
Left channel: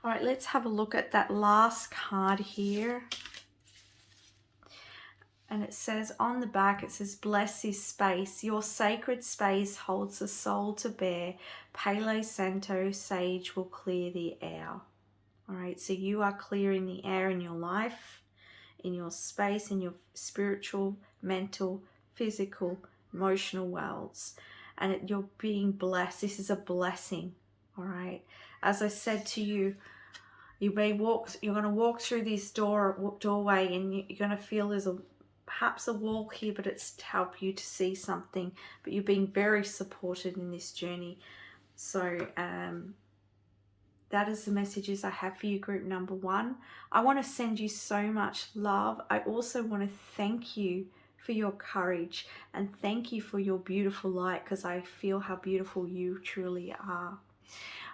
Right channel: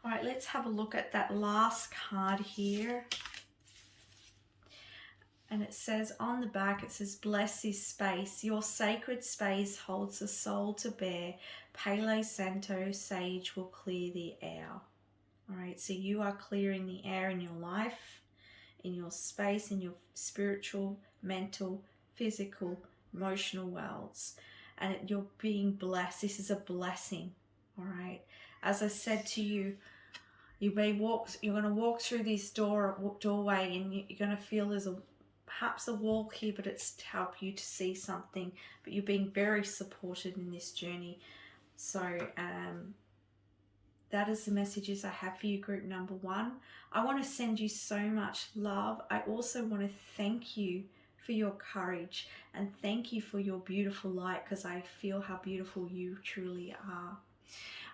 All right, let's have a look at that last card here. And it says on the back, it says, bless this space. Your sacred space holds the soul to bear. Palo Santo sage will clear the air. All right, so you are clearing the air in your life, in your space, in your spiritual, mental, physical, emotional worlds. And you're being blessed. This is a blessing, all right? As I said to you, you're going to walk through this doorway, and you're going to feel there's perhaps a wall here, but it's to help you to see something. But you're being very supported in this journey. So that is the messages I have for you, group number one. I want to send you so much love. I also want to thank you for your courage, and thank you for your beautiful light, because I feel how beautiful you truly are.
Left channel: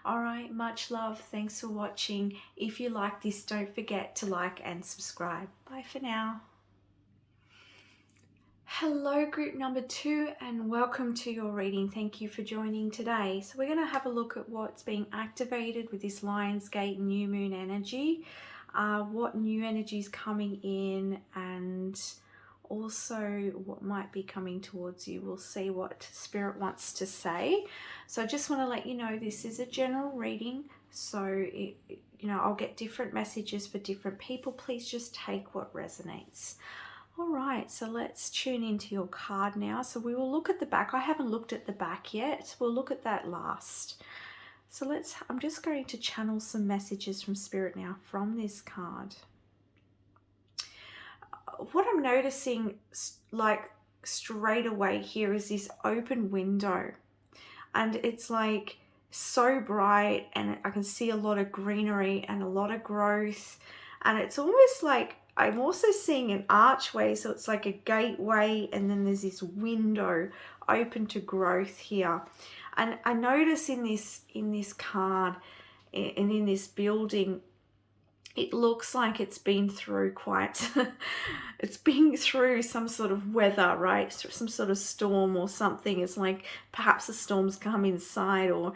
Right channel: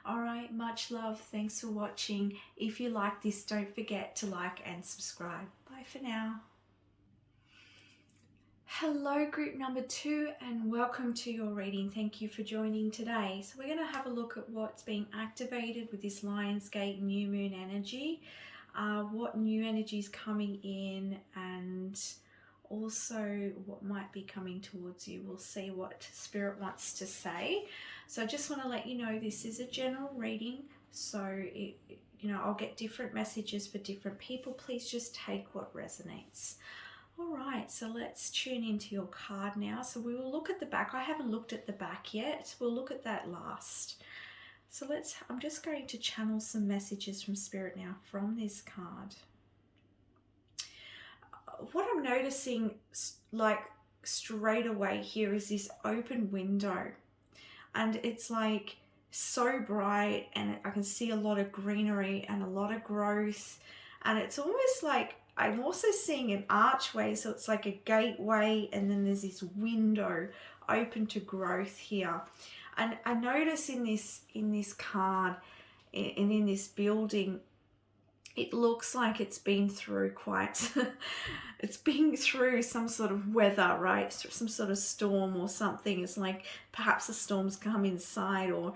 All right, much love. Thanks for watching. If you like this, don't forget to like and subscribe. Bye for now. Hello, group number two, and welcome to your reading. Thank you for joining today. So we're going to have a look at what's being activated with this Lionsgate new moon energy, what new energy is coming in, and also what might be coming towards you. We'll see what Spirit wants to say. So I just want to let you know this is a general reading, so I'll get different messages for different people. Please just take what resonates. All right, so let's tune into your card now. So we will look at the back. I haven't looked at the back yet. We'll look at that last. So I'm just going to channel some messages from Spirit now from this card. What I'm noticing, like straight away here, is this open window. And it's like so bright, and I can see a lot of greenery and a lot of growth. And it's almost like I'm also seeing an archway, so it's like a gateway, and then there's this window open to growth here. And I notice in this card and in this building, it looks like it's been through it's been through some sort of weather, right? Some sort of storm or something. It's like perhaps the storm's come inside, or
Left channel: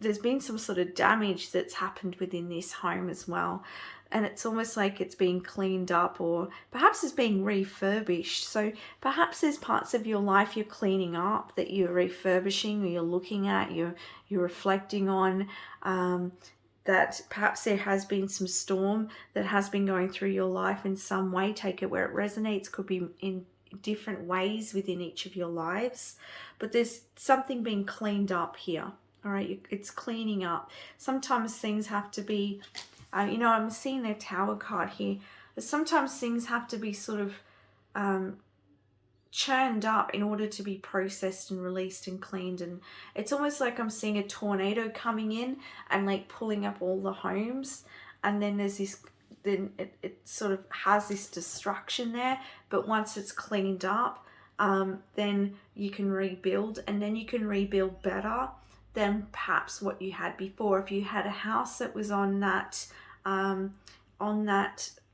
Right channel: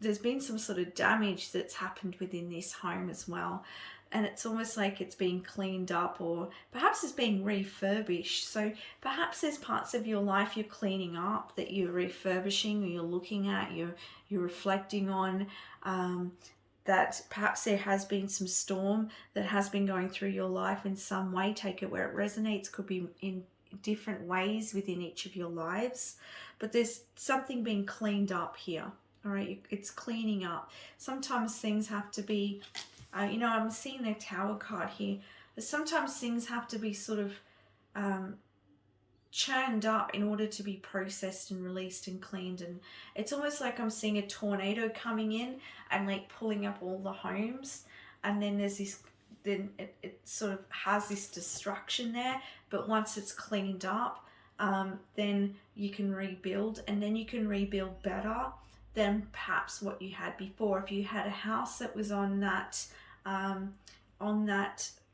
there's been some sort of damage that's happened within this home as well. And it's almost like it's being cleaned up, or perhaps it's being refurbished. So perhaps there's parts of your life you're cleaning up, that you're refurbishing, or you're looking at, you're reflecting on, that perhaps there has been some storm that has been going through your life in some way. Take it where it resonates. Could be in different ways within each of your lives. But there's something being cleaned up here. All right, it's cleaning up. Sometimes things have to be... I'm seeing their Tower card here. Sometimes things have to be sort of churned up in order to be processed and released and cleaned. And it's almost like I'm seeing a tornado coming in and like pulling up all the homes. And then there's this, then it sort of has this destruction there. But once it's cleaned up, then you can rebuild, and then you can rebuild better than perhaps what you had before. If you had a house that was on that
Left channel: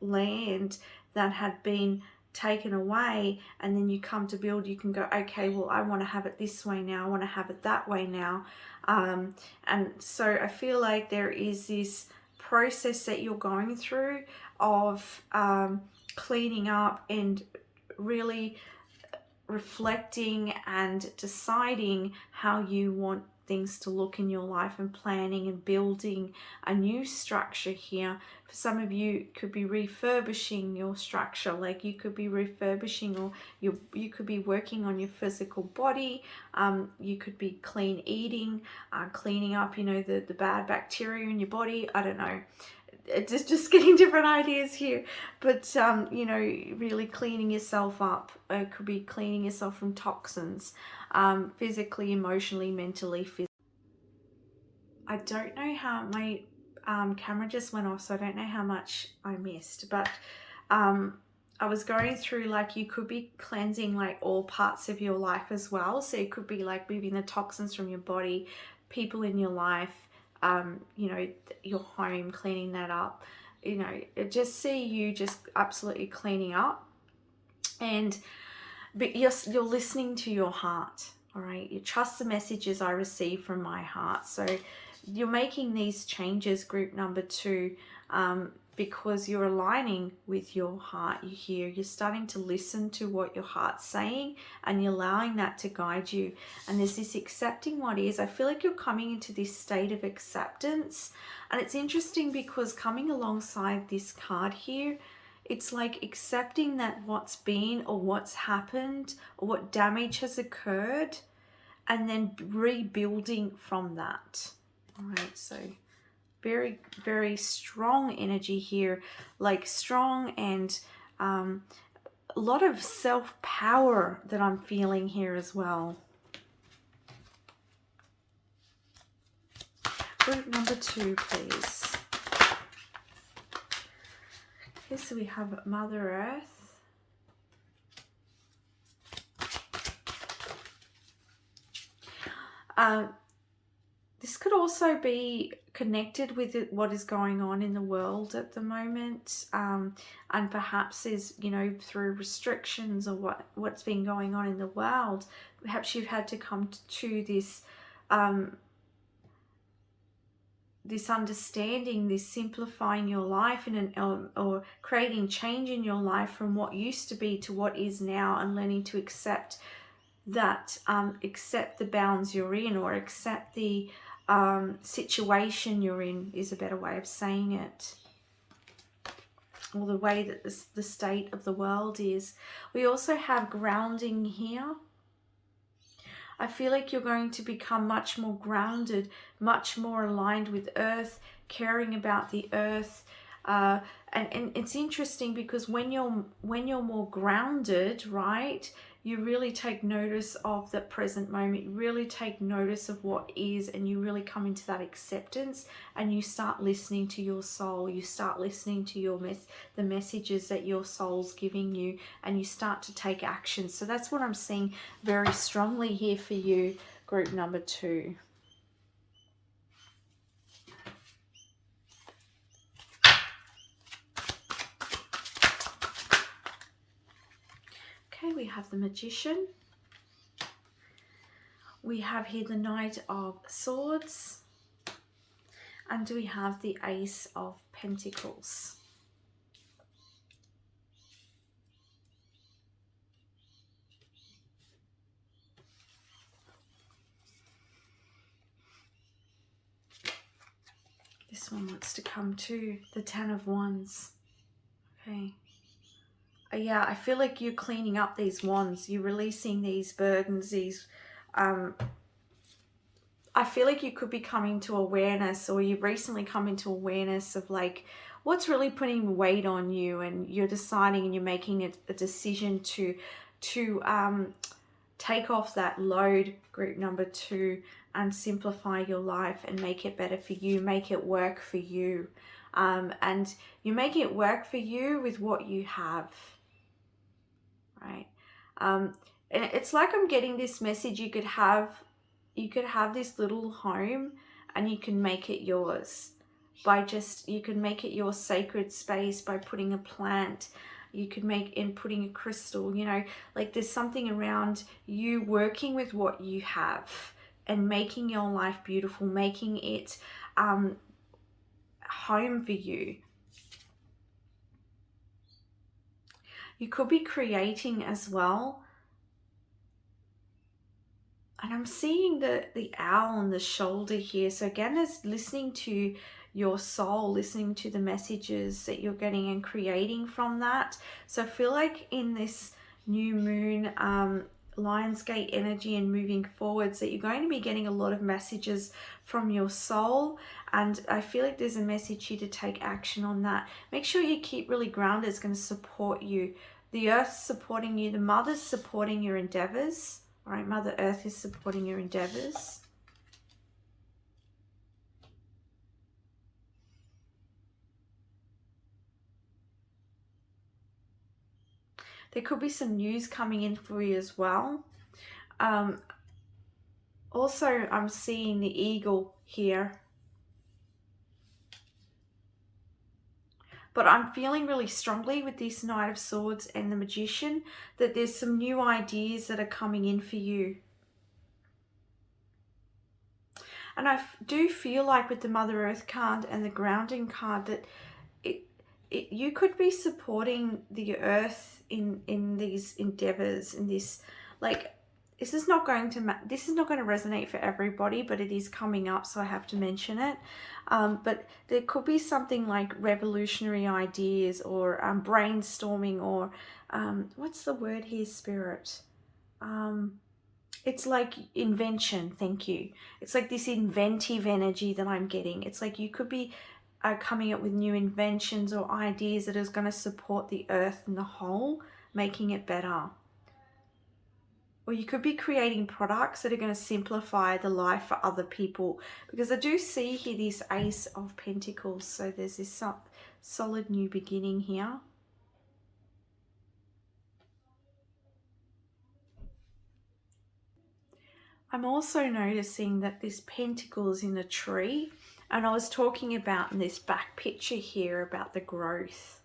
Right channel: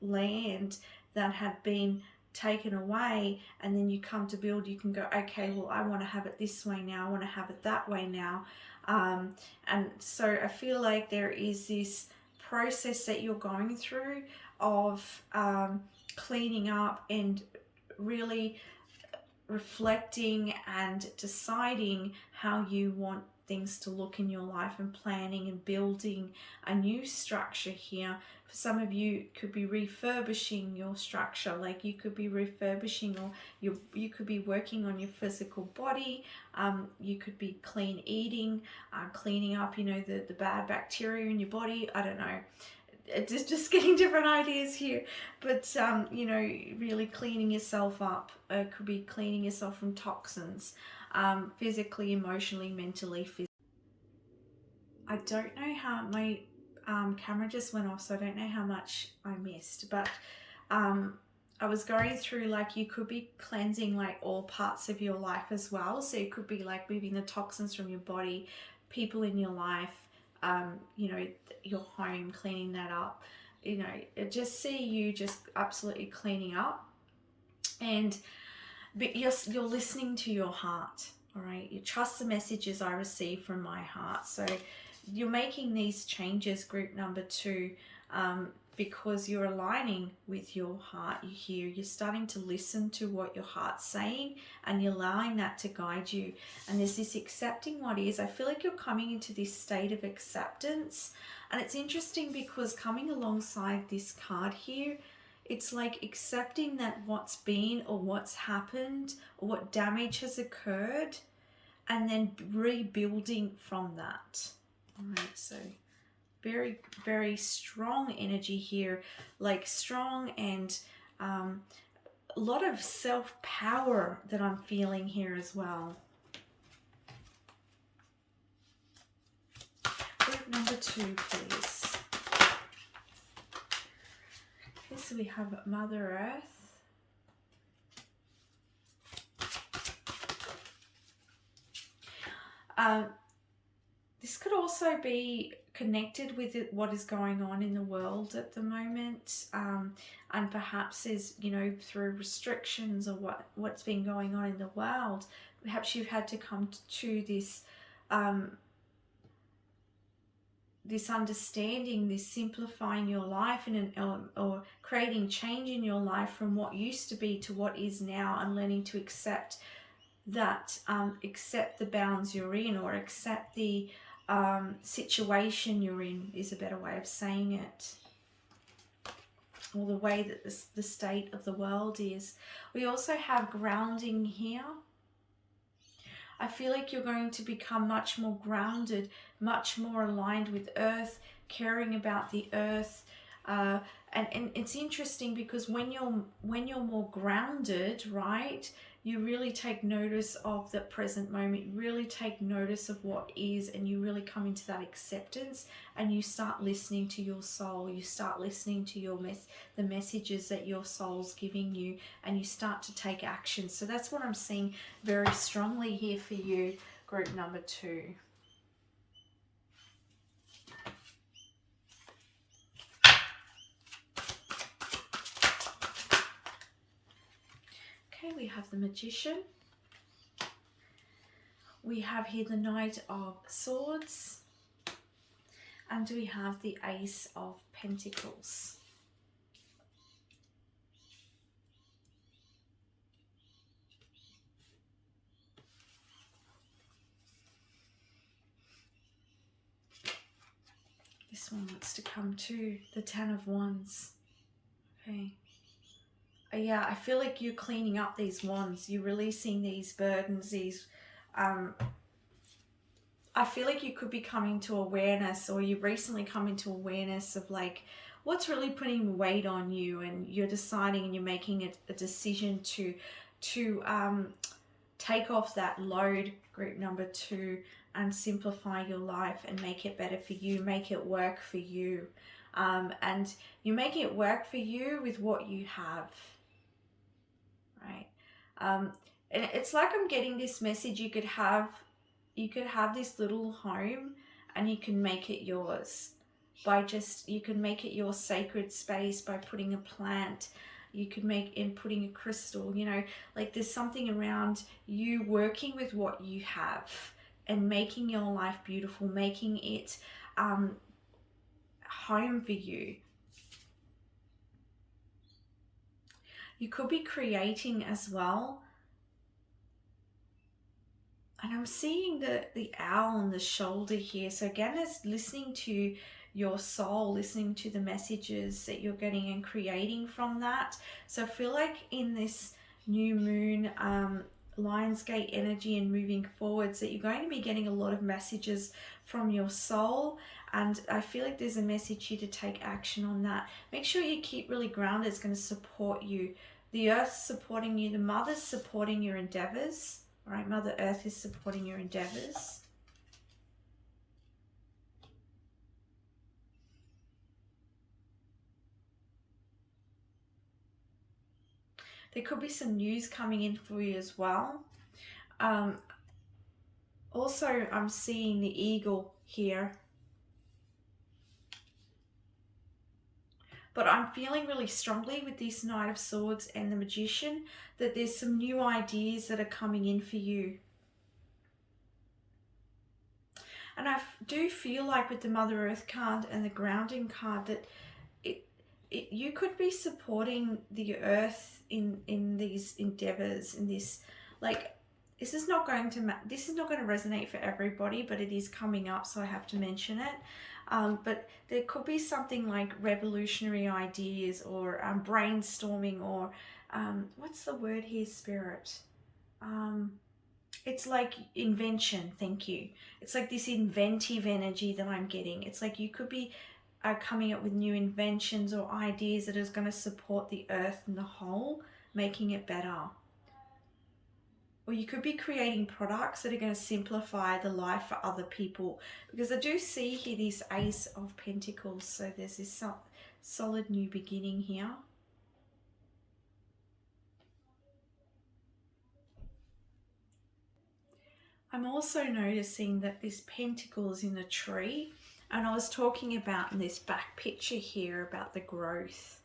land that had been taken away, and then you come to build, you can go, okay, well, I want to have it this way now, I want to have it that way now. And so I feel like there is this process that you're going through of cleaning up and really reflecting and deciding how you want things to look in your life, and planning and building a new structure here. For some of you, it could be refurbishing your structure, like you could be refurbishing, or you could be working on your physical body. You could be clean eating, cleaning up, the bad bacteria in your body. I don't know. just getting different ideas here, but you know, really cleaning yourself up. It could be cleaning yourself from toxins, physically, emotionally, mentally. I don't know how my camera just went off, so I don't know how much I missed, but I was going through, like, you could be cleansing like all parts of your life as well. So it could be like moving the toxins from your body, people in your life, you know, your home, cleaning that up. You know, just see you just absolutely cleaning up, and but you're listening to your heart. All right, you trust the messages I receive from my heart. So you're making these changes, group number 2, because you're aligning with your heart. You're starting to listen to what your heart's saying, and you're allowing that to guide you. And there's this accepting what is. I feel like you're coming into this state of acceptance. And it's interesting because coming alongside this card here, it's like accepting that what's been or what's happened or what damage has occurred, and then rebuilding from that. All right, so very, very strong energy here, like strong, and a lot of self-power that I'm feeling here as well. Group number 2, please. Okay, so we have Mother Earth. This could also be connected with what is going on in the world at the moment, and perhaps is, you know, through restrictions or what's been going on in the world. Perhaps you've had to come to this this understanding, this simplifying your life or creating change in your life from what used to be to what is now, and learning to accept that, accept the bounds you're in, or accept the situation you're in is a better way of saying it, or the way that the state of the world is. We also have grounding here. I feel like you're going to become much more grounded, much more aligned with earth, caring about the earth. And it's interesting because when you're more grounded, right, you really take notice of the present moment. You really take notice of what is, and you really come into that acceptance, and you start listening to your soul. You start listening to the messages that your soul's giving you, and you start to take action. So that's what I'm seeing very strongly here for you, group number 2. Okay, we have the Magician. We have here the Knight of Swords. And we have the Ace of Pentacles. This one wants to come to the Ten of Wands. Okay. Yeah, I feel like you're cleaning up these wands. You're releasing these burdens, these... I feel like you could be coming to awareness, or you've recently come into awareness of like what's really putting weight on you, and you're deciding and you're making a decision to take off that load, group number 2, and simplify your life and make it better for you, make it work for you. And you make it work for you with what you have, right? And it's like I'm getting this message. You could have this little home, and you can make it yours by you can make it your sacred space by putting a plant. You could putting a crystal, you know, like there's something around you working with what you have and making your life beautiful, making it home for you. You could be creating as well. And I'm seeing the owl on the shoulder here. So again, it's listening to your soul, listening to the messages that you're getting and creating from that. So I feel like in this new moon, Lionsgate energy and moving forwards, that you're going to be getting a lot of messages from your soul, and I feel like there's a message here to take action on that. Make sure you keep really grounded. It's going to support you. The earth's supporting you. The mother's supporting your endeavors. All right, Mother Earth is supporting your endeavors. There could be some news coming in for you as well. Also, I'm seeing the eagle here. But I'm feeling really strongly with this Knight of Swords and the Magician that there's some new ideas that are coming in for you. And I do feel like with the Mother Earth card and the Grounding card that you could be supporting the Earth in these endeavors, in this, like, this is not going to resonate for everybody, but it is coming up, so I have to mention it. But there could be something like revolutionary ideas, or brainstorming, or what's the word here, Spirit? It's like invention. Thank you. It's like this inventive energy that I'm getting. It's like you could be coming up with new inventions or ideas that is going to support the earth and the whole, making it better. Or you could be creating products that are going to simplify the life for other people. Because I do see here this Ace of Pentacles. So there's this solid new beginning here. I'm also noticing that this pentacle is in a tree. And I was talking about in this back picture here about the growth.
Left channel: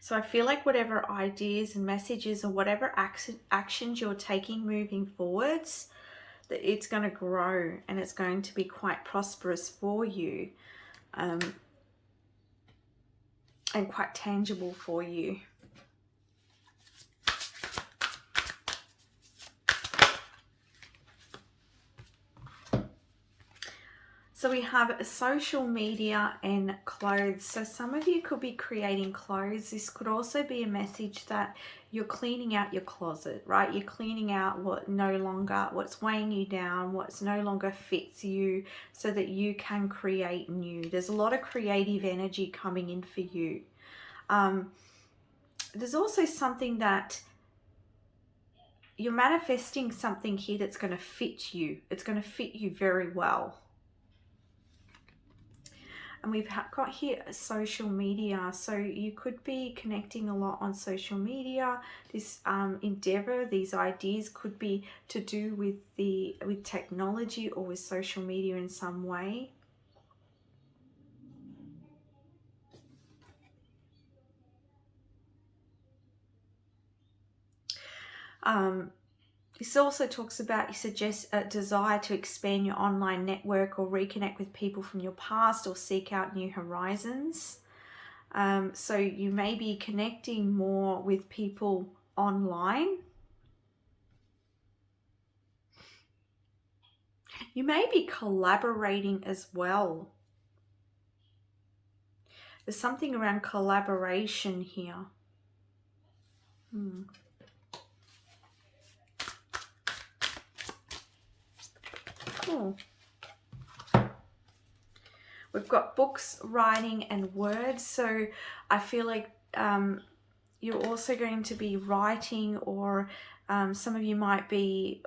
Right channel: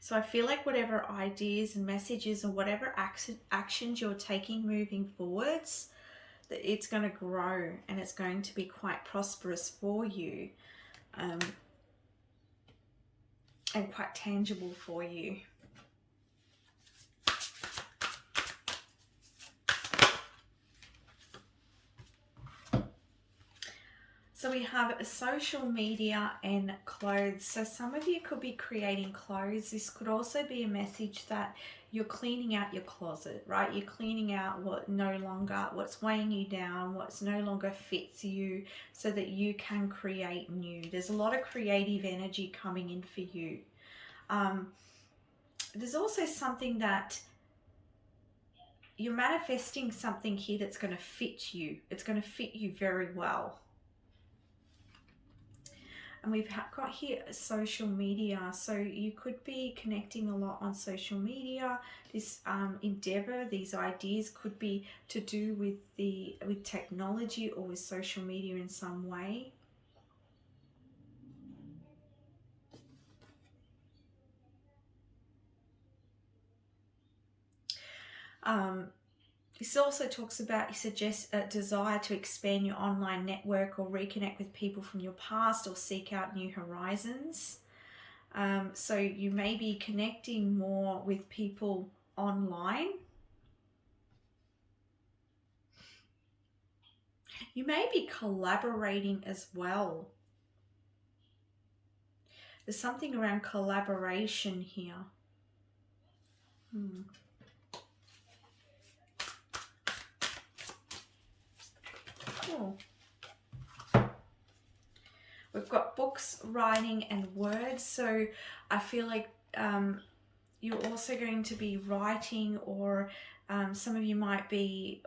So I feel like whatever ideas and messages or whatever actions you're taking moving forwards, that it's going to grow and it's going to be quite prosperous for you, and quite tangible for you. So we have social media and clothes. So some of you could be creating clothes. This could also be a message that you're cleaning out your closet, right? You're cleaning out what's weighing you down, what's no longer fits you, so that you can create new. There's a lot of creative energy coming in for you. There's also something that you're manifesting something here that's going to fit you. It's going to fit you very well. And we've got here social media, so you could be connecting a lot on social media. This endeavor, these ideas could be to do with technology or with social media in some way. This also talks about, you suggest a desire to expand your online network or reconnect with people from your past or seek out new horizons. So you may be connecting more with people online. You may be collaborating as well. There's something around collaboration here. Cool. We've got books, writing, and words. So I feel like you're also going to be writing, or some of you might be,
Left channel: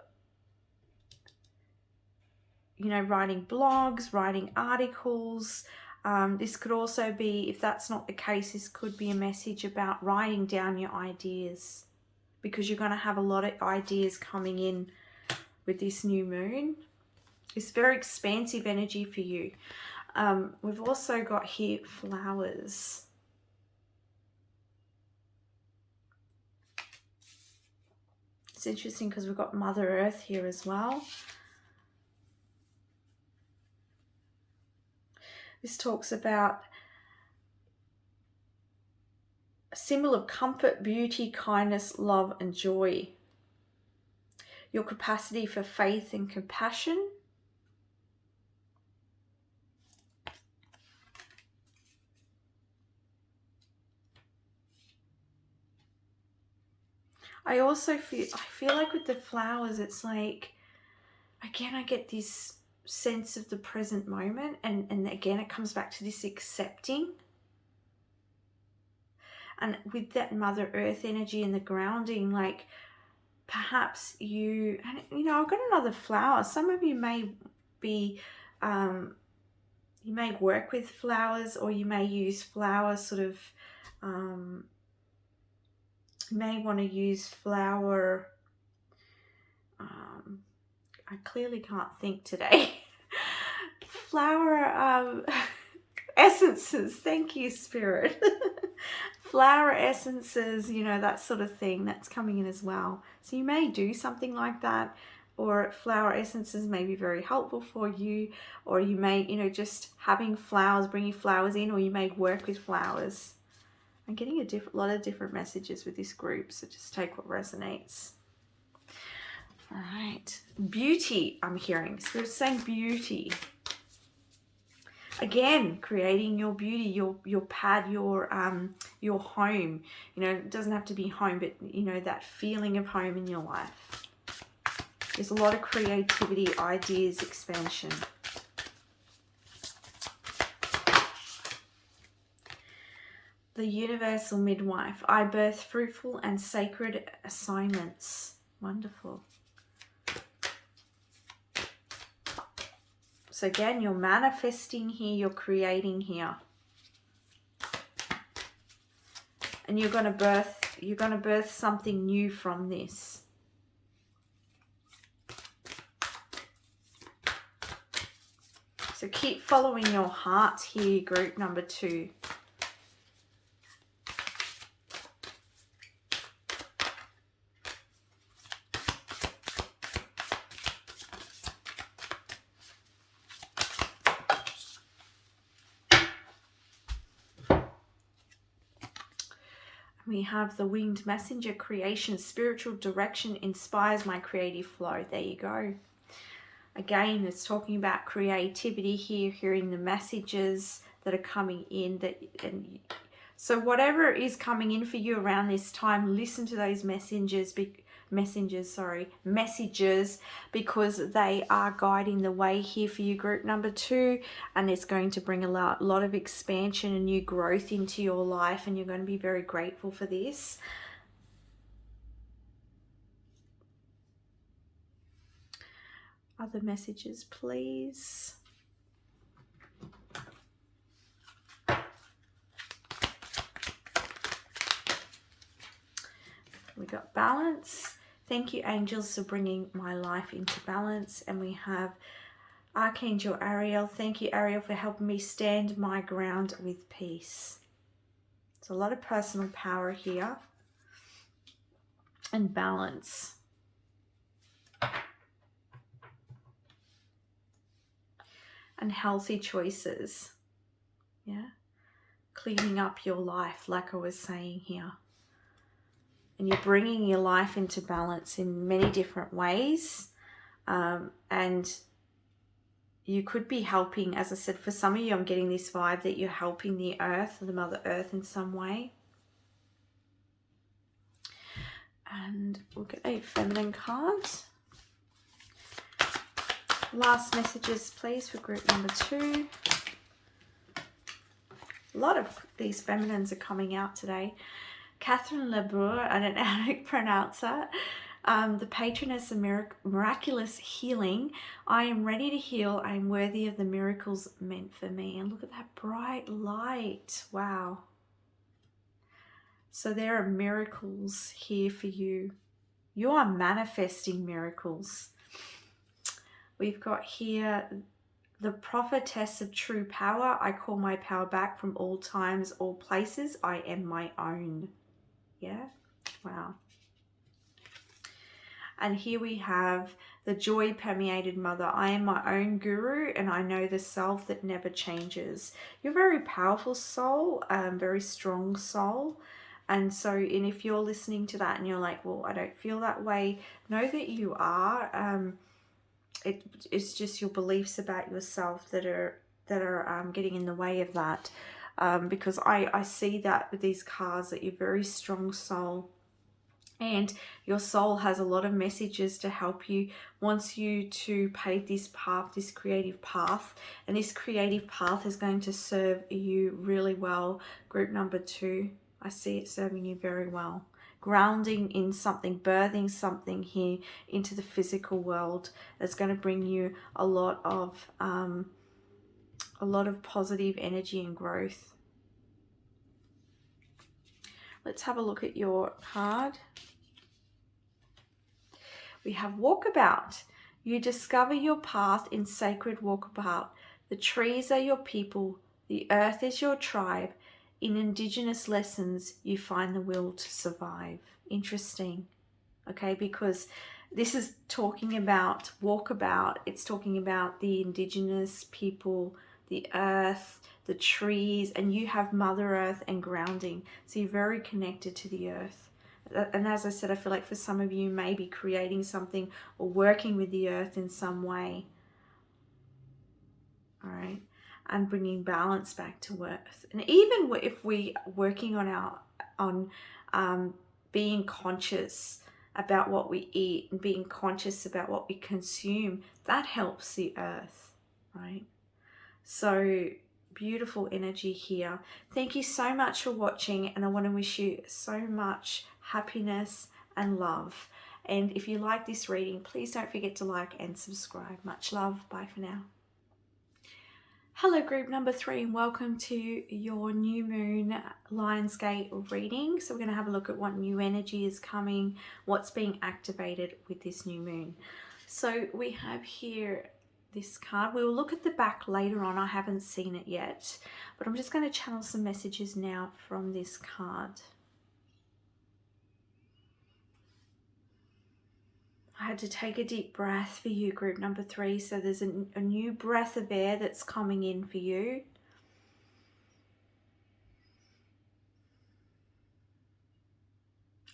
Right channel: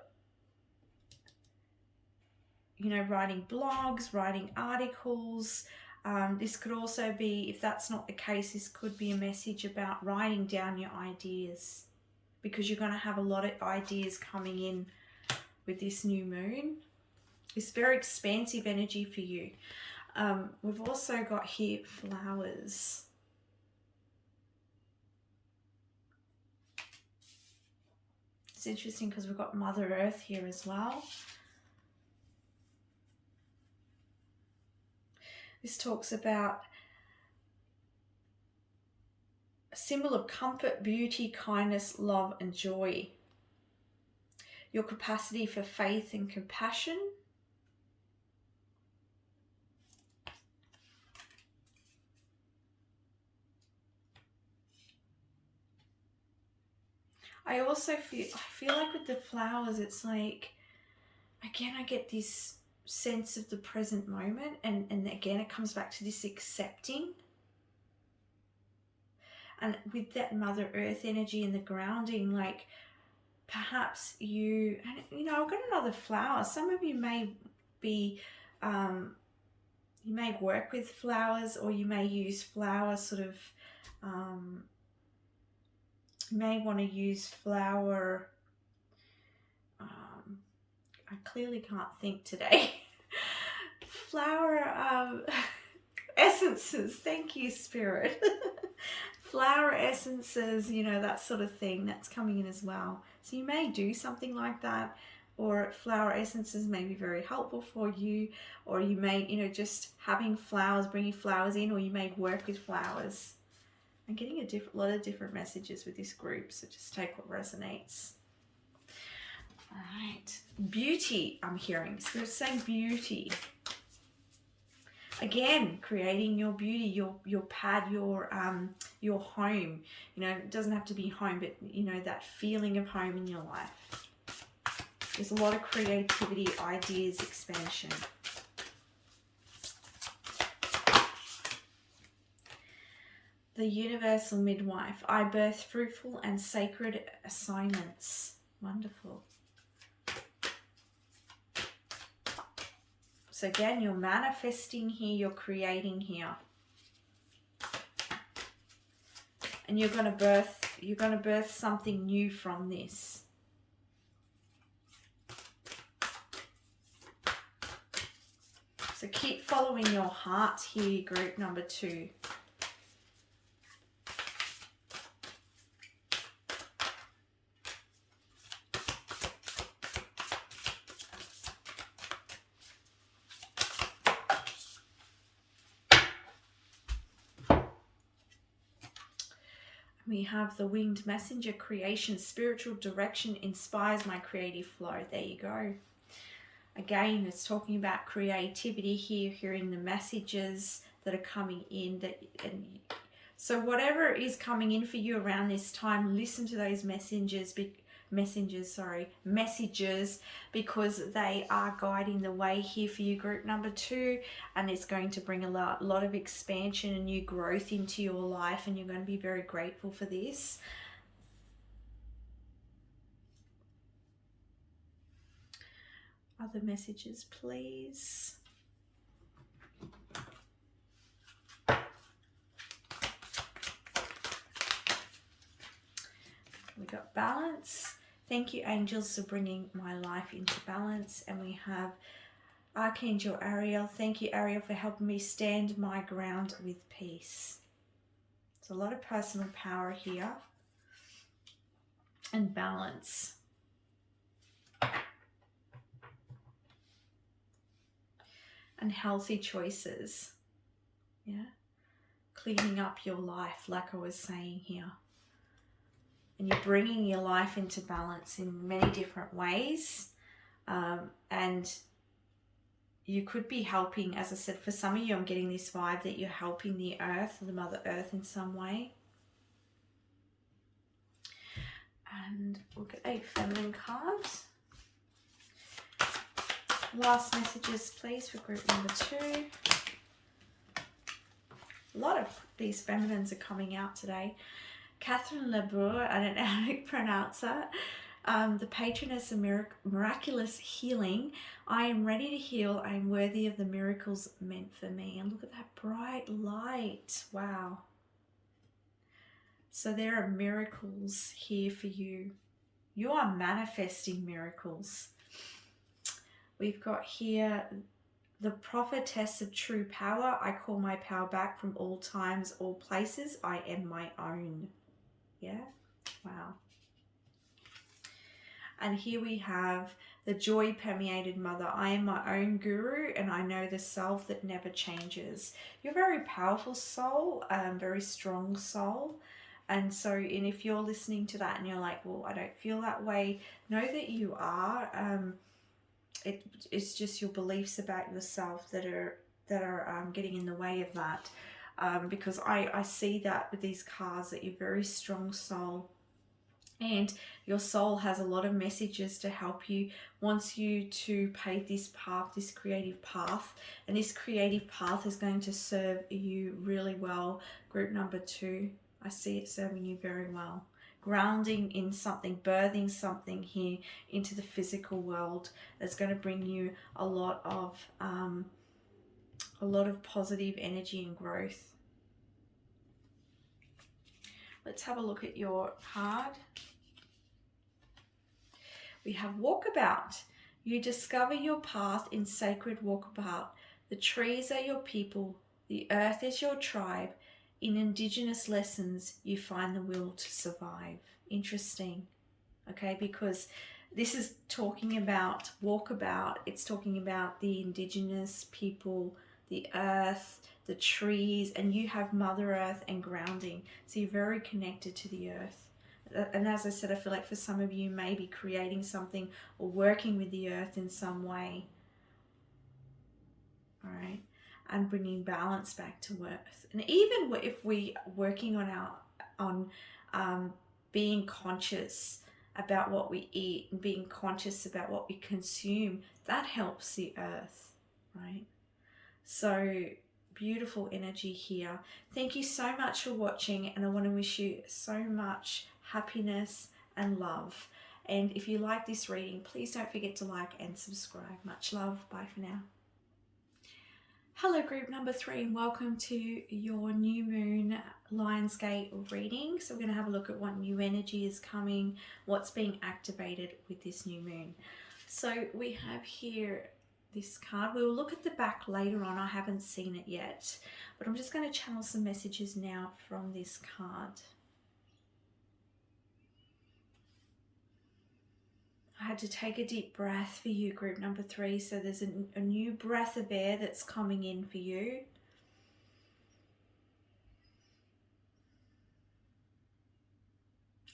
writing blogs, writing articles. This could also be, if that's not the case, this could be a message about writing down your ideas, because you're going to have a lot of ideas coming in with this new moon. It's very expansive energy for you. We've also got here flowers. It's interesting because we've got Mother Earth here as well. This talks about a symbol of comfort, beauty, kindness, love, and joy. Your capacity for faith and compassion. I also feel like with the flowers, it's like, again, I get this sense of the present moment, and again, it comes back to this accepting. And with that Mother Earth energy and the grounding, like perhaps you, and you know, I've got another flower. Some of you may be, you may work with flowers, or you may use flowers sort of, you may want to use flower, I clearly can't think today. Flower essences, thank you, Spirit. Flower essences, you know, that sort of thing, that's coming in as well. So you may do something like that, or flower essences may be very helpful for you, or you may, you know, just having flowers, bringing flowers in, or you may work with flowers. I'm getting a lot of different messages with this group, so just take what resonates. All right, beauty, I'm hearing. Spirit's saying beauty. Again, creating your beauty, your pad, your home. You know, it doesn't have to be home, but you know, that feeling of home in your life. There's a lot of creativity, ideas, expansion. The universal midwife. I birth fruitful and sacred assignments. Wonderful. So again, you're manifesting here, you're creating here. And you're going to birth something new from this. So keep following your heart here, group number 2. We have the winged messenger. Creation, spiritual direction inspires my creative flow. There you go. Again, it's talking about creativity here, hearing the messages that are coming in. So whatever is coming in for you around this time, listen to those messages, because they are guiding the way here for you, group number 2, and it's going to bring a lot of expansion and new growth into your life, and you're going to be very grateful for this. Other messages, please. We got balance. Thank you, angels, for bringing my life into balance. And we have Archangel Ariel. Thank you, Ariel, for helping me stand my ground with peace. There's a lot of personal power here. And balance. And healthy choices. Yeah. Cleaning up your life, like I was saying here. And you're bringing your life into balance in many different ways. And you could be helping, as I said, for some of you, I'm getting this vibe that you're helping the earth, the Mother Earth in some way. And we'll get a feminine card. Last messages, please, for group number 2. A lot of these feminines are coming out today. Catherine Lebreur, I don't know how to pronounce that. The patroness of miraculous healing. I am ready to heal. I am worthy of the miracles meant for me. And look at that bright light. Wow. So there are miracles here for you. You are manifesting miracles. We've got here the prophetess of true power. I call my power back from all times, all places. I am my own. Yeah? Wow. And here we have the joy permeated mother. I am my own guru, and I know the self that never changes. You're a very powerful soul, very strong soul. And so, and if you're listening to that and you're like, well, I don't feel that way, know that you are. It's just your beliefs about yourself that are getting in the way of that. Because I see that with these cards, that you're a very strong soul. And your soul has a lot of messages to help you, wants you to pave this path, this creative path. And this creative path is going to serve you really well. Group number 2, I see it serving you very well. Grounding in something, birthing something here into the physical world that's going to bring you a lot of positive energy and growth. Let's have a look at your card. We have walkabout. You discover your path in sacred walkabout. The trees are your people. The earth is your tribe. In indigenous lessons, you find the will to survive. Interesting. Okay, because this is talking about walkabout. It's talking about the indigenous people, the earth, the trees, and you have Mother Earth and grounding. So you're very connected to the earth. And as I said, I feel like for some of you, maybe creating something or working with the earth in some way. All right. And bringing balance back to earth. And even if we are working on being conscious about what we eat and being conscious about what we consume, that helps the earth, right? So beautiful energy here. Thank you so much for watching, and I want to wish you so much happiness and love. And if you like this reading, please don't forget to like and subscribe. Much love. Bye for now. Hello, group number 3, and welcome to your new moon Lionsgate reading. So we're going to have a look at what new energy is coming, what's being activated with this new moon. So we have here this card. We will look at the back later on. I haven't seen it yet, but I'm just going to channel some messages now from this card. I had to take a deep breath for you, group number 3. So there's a new breath of air that's coming in for you.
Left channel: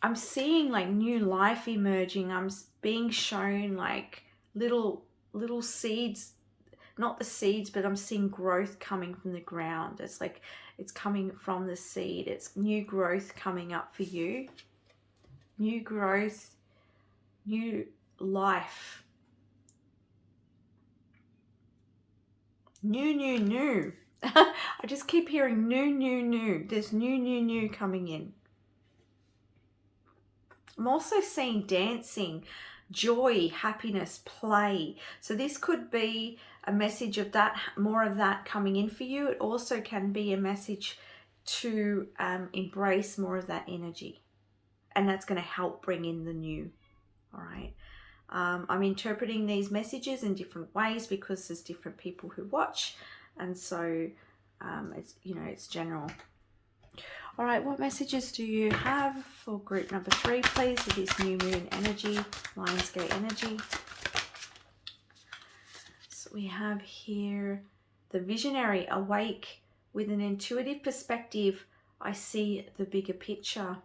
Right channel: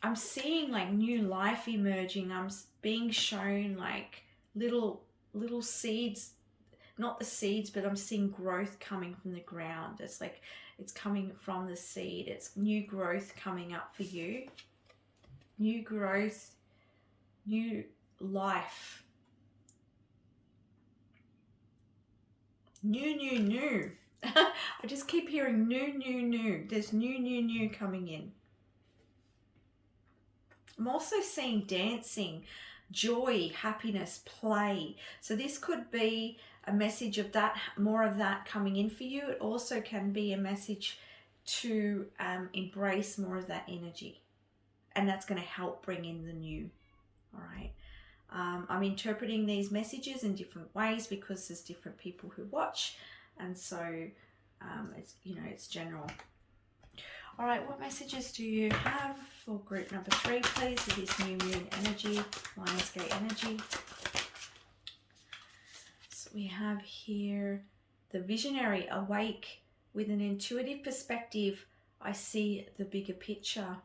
I'm seeing like new life emerging. I'm being shown like little seeds, not the seeds, but I'm seeing growth coming from the ground. It's like it's coming from the seed. It's new growth coming up for you. New growth, new life. New. I just keep hearing new. There's new coming in. I'm also seeing dancing, joy, happiness, play. So this could be a message of that, more of that coming in for you. It also can be a message to embrace more of that energy. And that's going to help bring in the new. All right. I'm interpreting these messages in different ways because there's different people who watch. And so it's, it's general. All right, what messages do you have for group number 3, please, with this new moon energy, Lionsgate energy? So we have here the visionary, awake with an intuitive perspective. I see the bigger picture.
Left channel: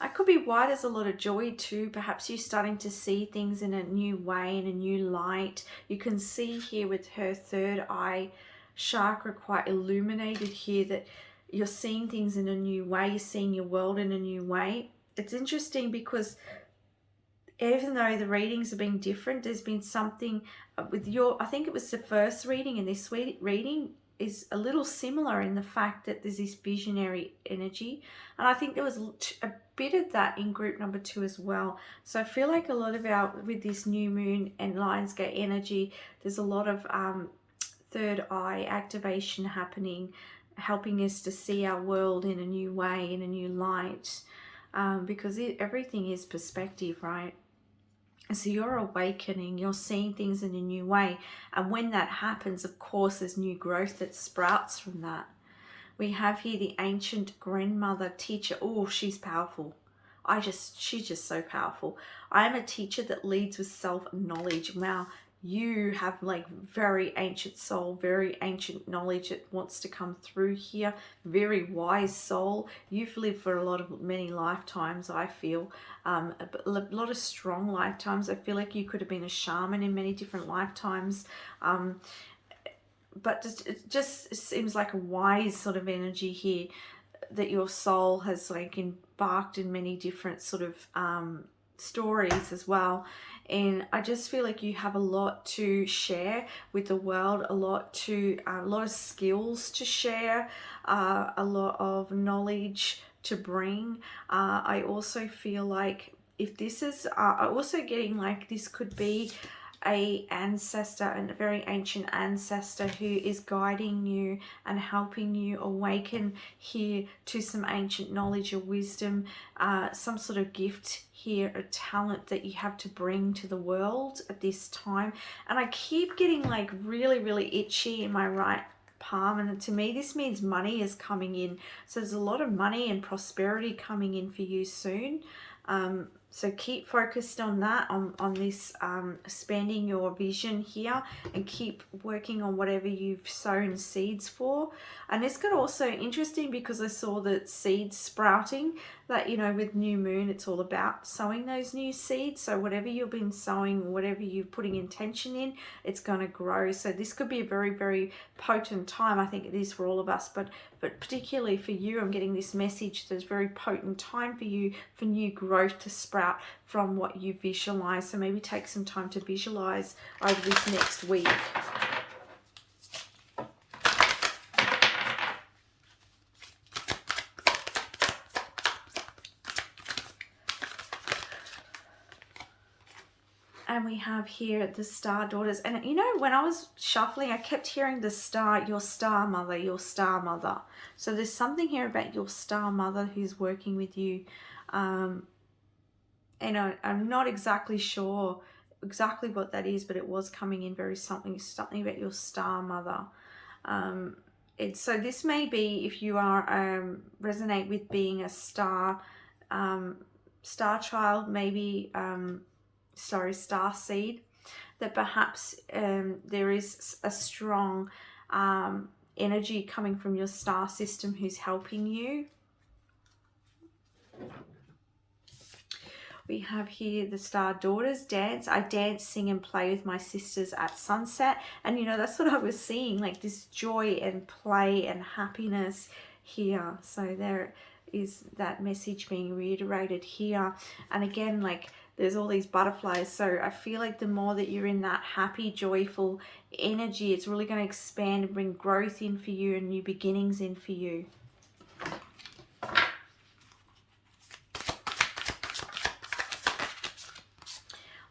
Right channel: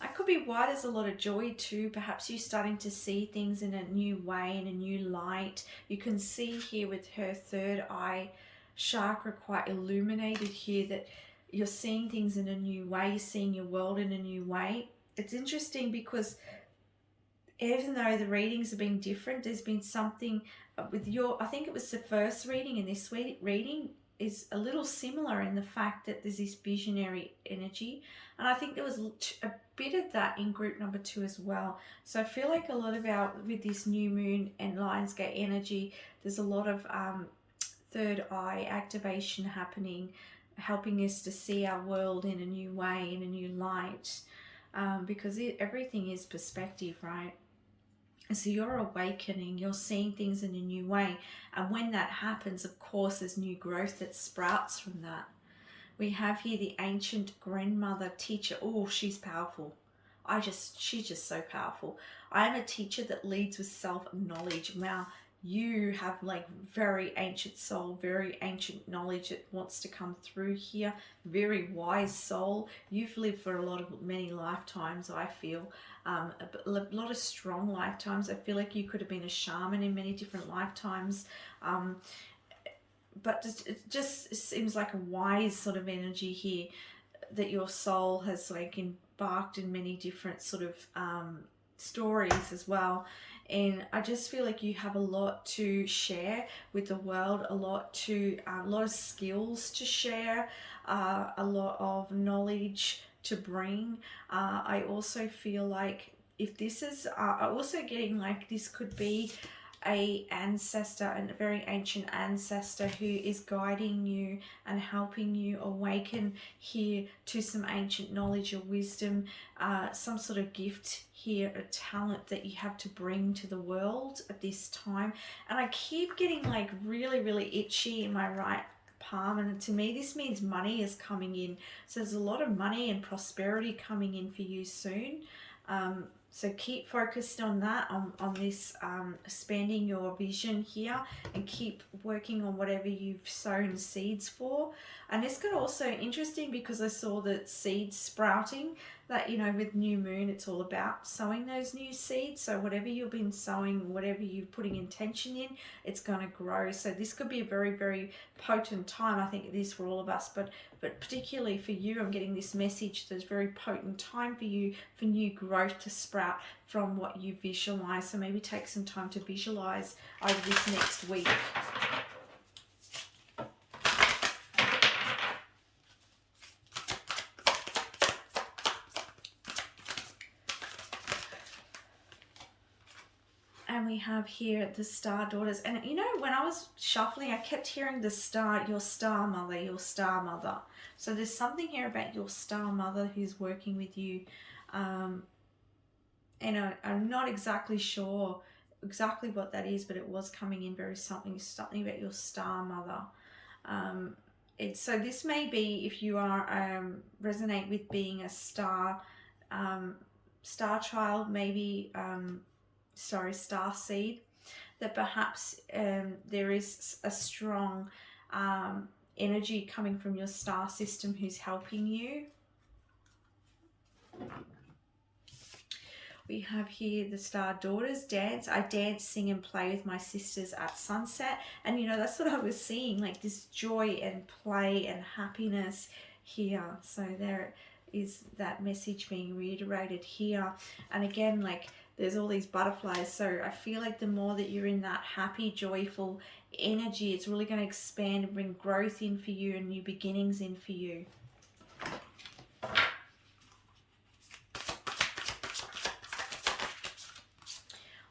That could be why there's a lot of joy too. Perhaps you're starting to see things in a new way, in a new light. You can see here with her third eye chakra quite illuminated here that you're seeing things in a new way. You're seeing your world in a new way. It's interesting because even though the readings have been different, there's been something with your, I think it was the first reading, and this reading is a little similar in the fact that there's this visionary energy. And I think there was a bit of that in group number 2 as well. So I feel like a lot of with this new moon and Lionsgate energy, there's a lot of third eye activation happening, helping us to see our world in a new way, in a new light, because everything is perspective, right? So you're awakening, you're seeing things in a new way. And when that happens, of course, there's new growth that sprouts from that. We have here the ancient grandmother teacher. Oh, she's powerful. She's just so powerful. I am a teacher that leads with self-knowledge. Wow, you have like very ancient soul, very ancient knowledge that wants to come through here. Very wise soul. You've lived for many lifetimes, I feel. A lot of strong lifetimes. I feel like you could have been a shaman in many different lifetimes. But it just seems like a wise sort of energy here. that your soul has like embarked in many different sort of stories as well. And I just feel like you have a lot to share with the world, a lot of skills to share, a lot of knowledge to bring. I also feel like if this is, I'm also getting like this could be a ancestor, and a very ancient ancestor who is guiding you and helping you awaken here to some ancient knowledge or wisdom, some sort of gift here, a talent that you have to bring to the world at this time. And I keep getting like really itchy in my right palm, and to me this means money is coming in. So there's a lot of money and prosperity coming in for you soon. So keep focused on that, on this expanding your vision here, and keep working on whatever you've sown seeds for. And this got also interesting because I saw that seeds sprouting, that, you know, with new moon, it's all about sowing those new seeds. So whatever you've been sowing, whatever you're putting intention in, it's going to grow. So this could be a very potent time. I think it is for all of us, but particularly for you, I'm getting this message. There's very potent time for you, for new growth to sprout from what you visualize. So maybe take some time to visualize over this next week. And we have here the star daughters. And you know, when I was shuffling, I kept hearing the star, your star mother, your star mother. So there's something here about your star mother who's working with you. And I'm not exactly sure exactly what that is, but it was coming in very something about your star mother. So this may be, if you are resonate with being a star child, maybe star seed, that perhaps there is a strong energy coming from your star system who's helping you. We have here the star daughters dance. I dance, sing and play with my sisters at sunset. And you know, that's what I was seeing, like this joy and play and happiness here. So there is that message being reiterated here. And again, like there's all these butterflies. So I feel like the more that you're in that happy, joyful energy, it's really going to expand and bring growth in for you and new beginnings in for you.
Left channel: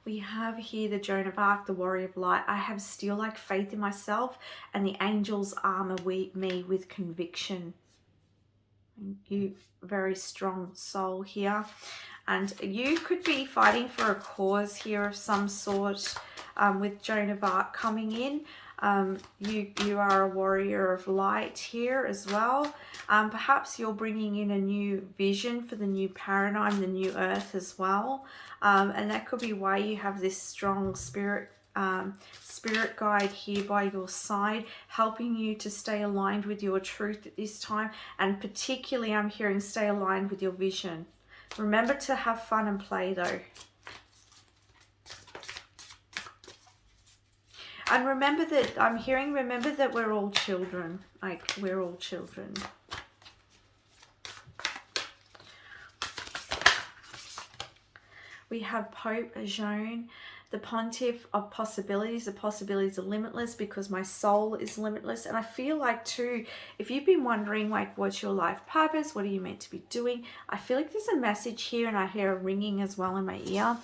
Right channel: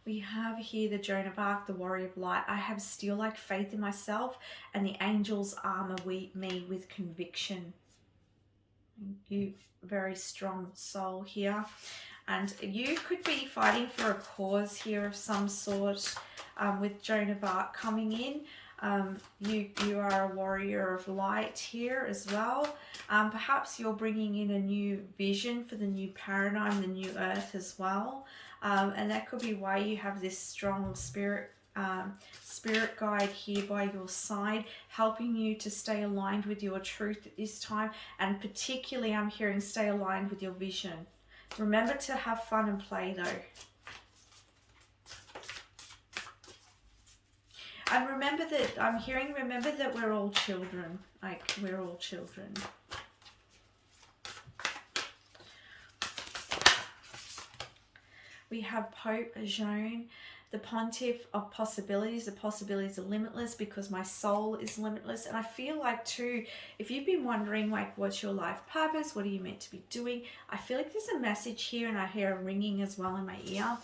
We have here the Joan of Arc, the Warrior of Light. I have still like faith in myself, and the angels armor me with conviction. You very strong soul here. And you could be fighting for a cause here of some sort with Joan of Arc coming in. You are a warrior of light here as well. Perhaps you're bringing in a new vision for the new paradigm, the new earth as well. And that could be why you have this strong spirit guide here by your side, helping you to stay aligned with your truth at this time. And particularly, I'm hearing stay aligned with your vision. Remember to have fun and play though. And remember that, I'm hearing, remember that we're all children. Like, we're all children. We have Pope Joan, the Pontiff of possibilities. The possibilities are limitless because my soul is limitless. And I feel like too, if you've been wondering like what's your life purpose, what are you meant to be doing, I feel like there's a message here, and I hear a ringing as well in my ear.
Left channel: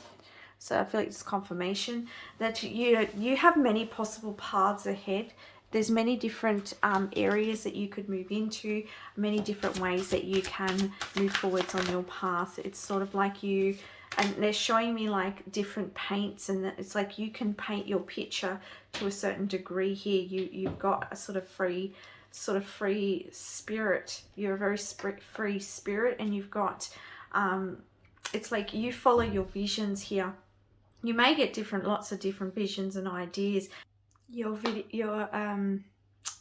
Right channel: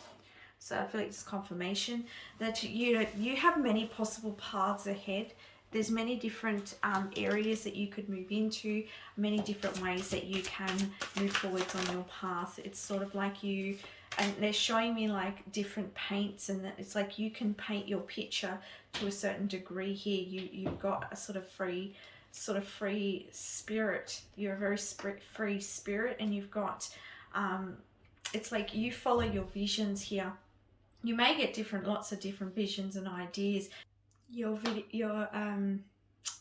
So I feel like it's confirmation that you have many possible paths ahead. There's many different areas that you could move into, many different ways that you can move forwards on your path. It's sort of like you, and they're showing me like different paints, and it's like you can paint your picture to a certain degree here. You've got a sort of free spirit. You're a very free spirit, and you've got it's like you follow your visions here. You may get lots of different visions and ideas. The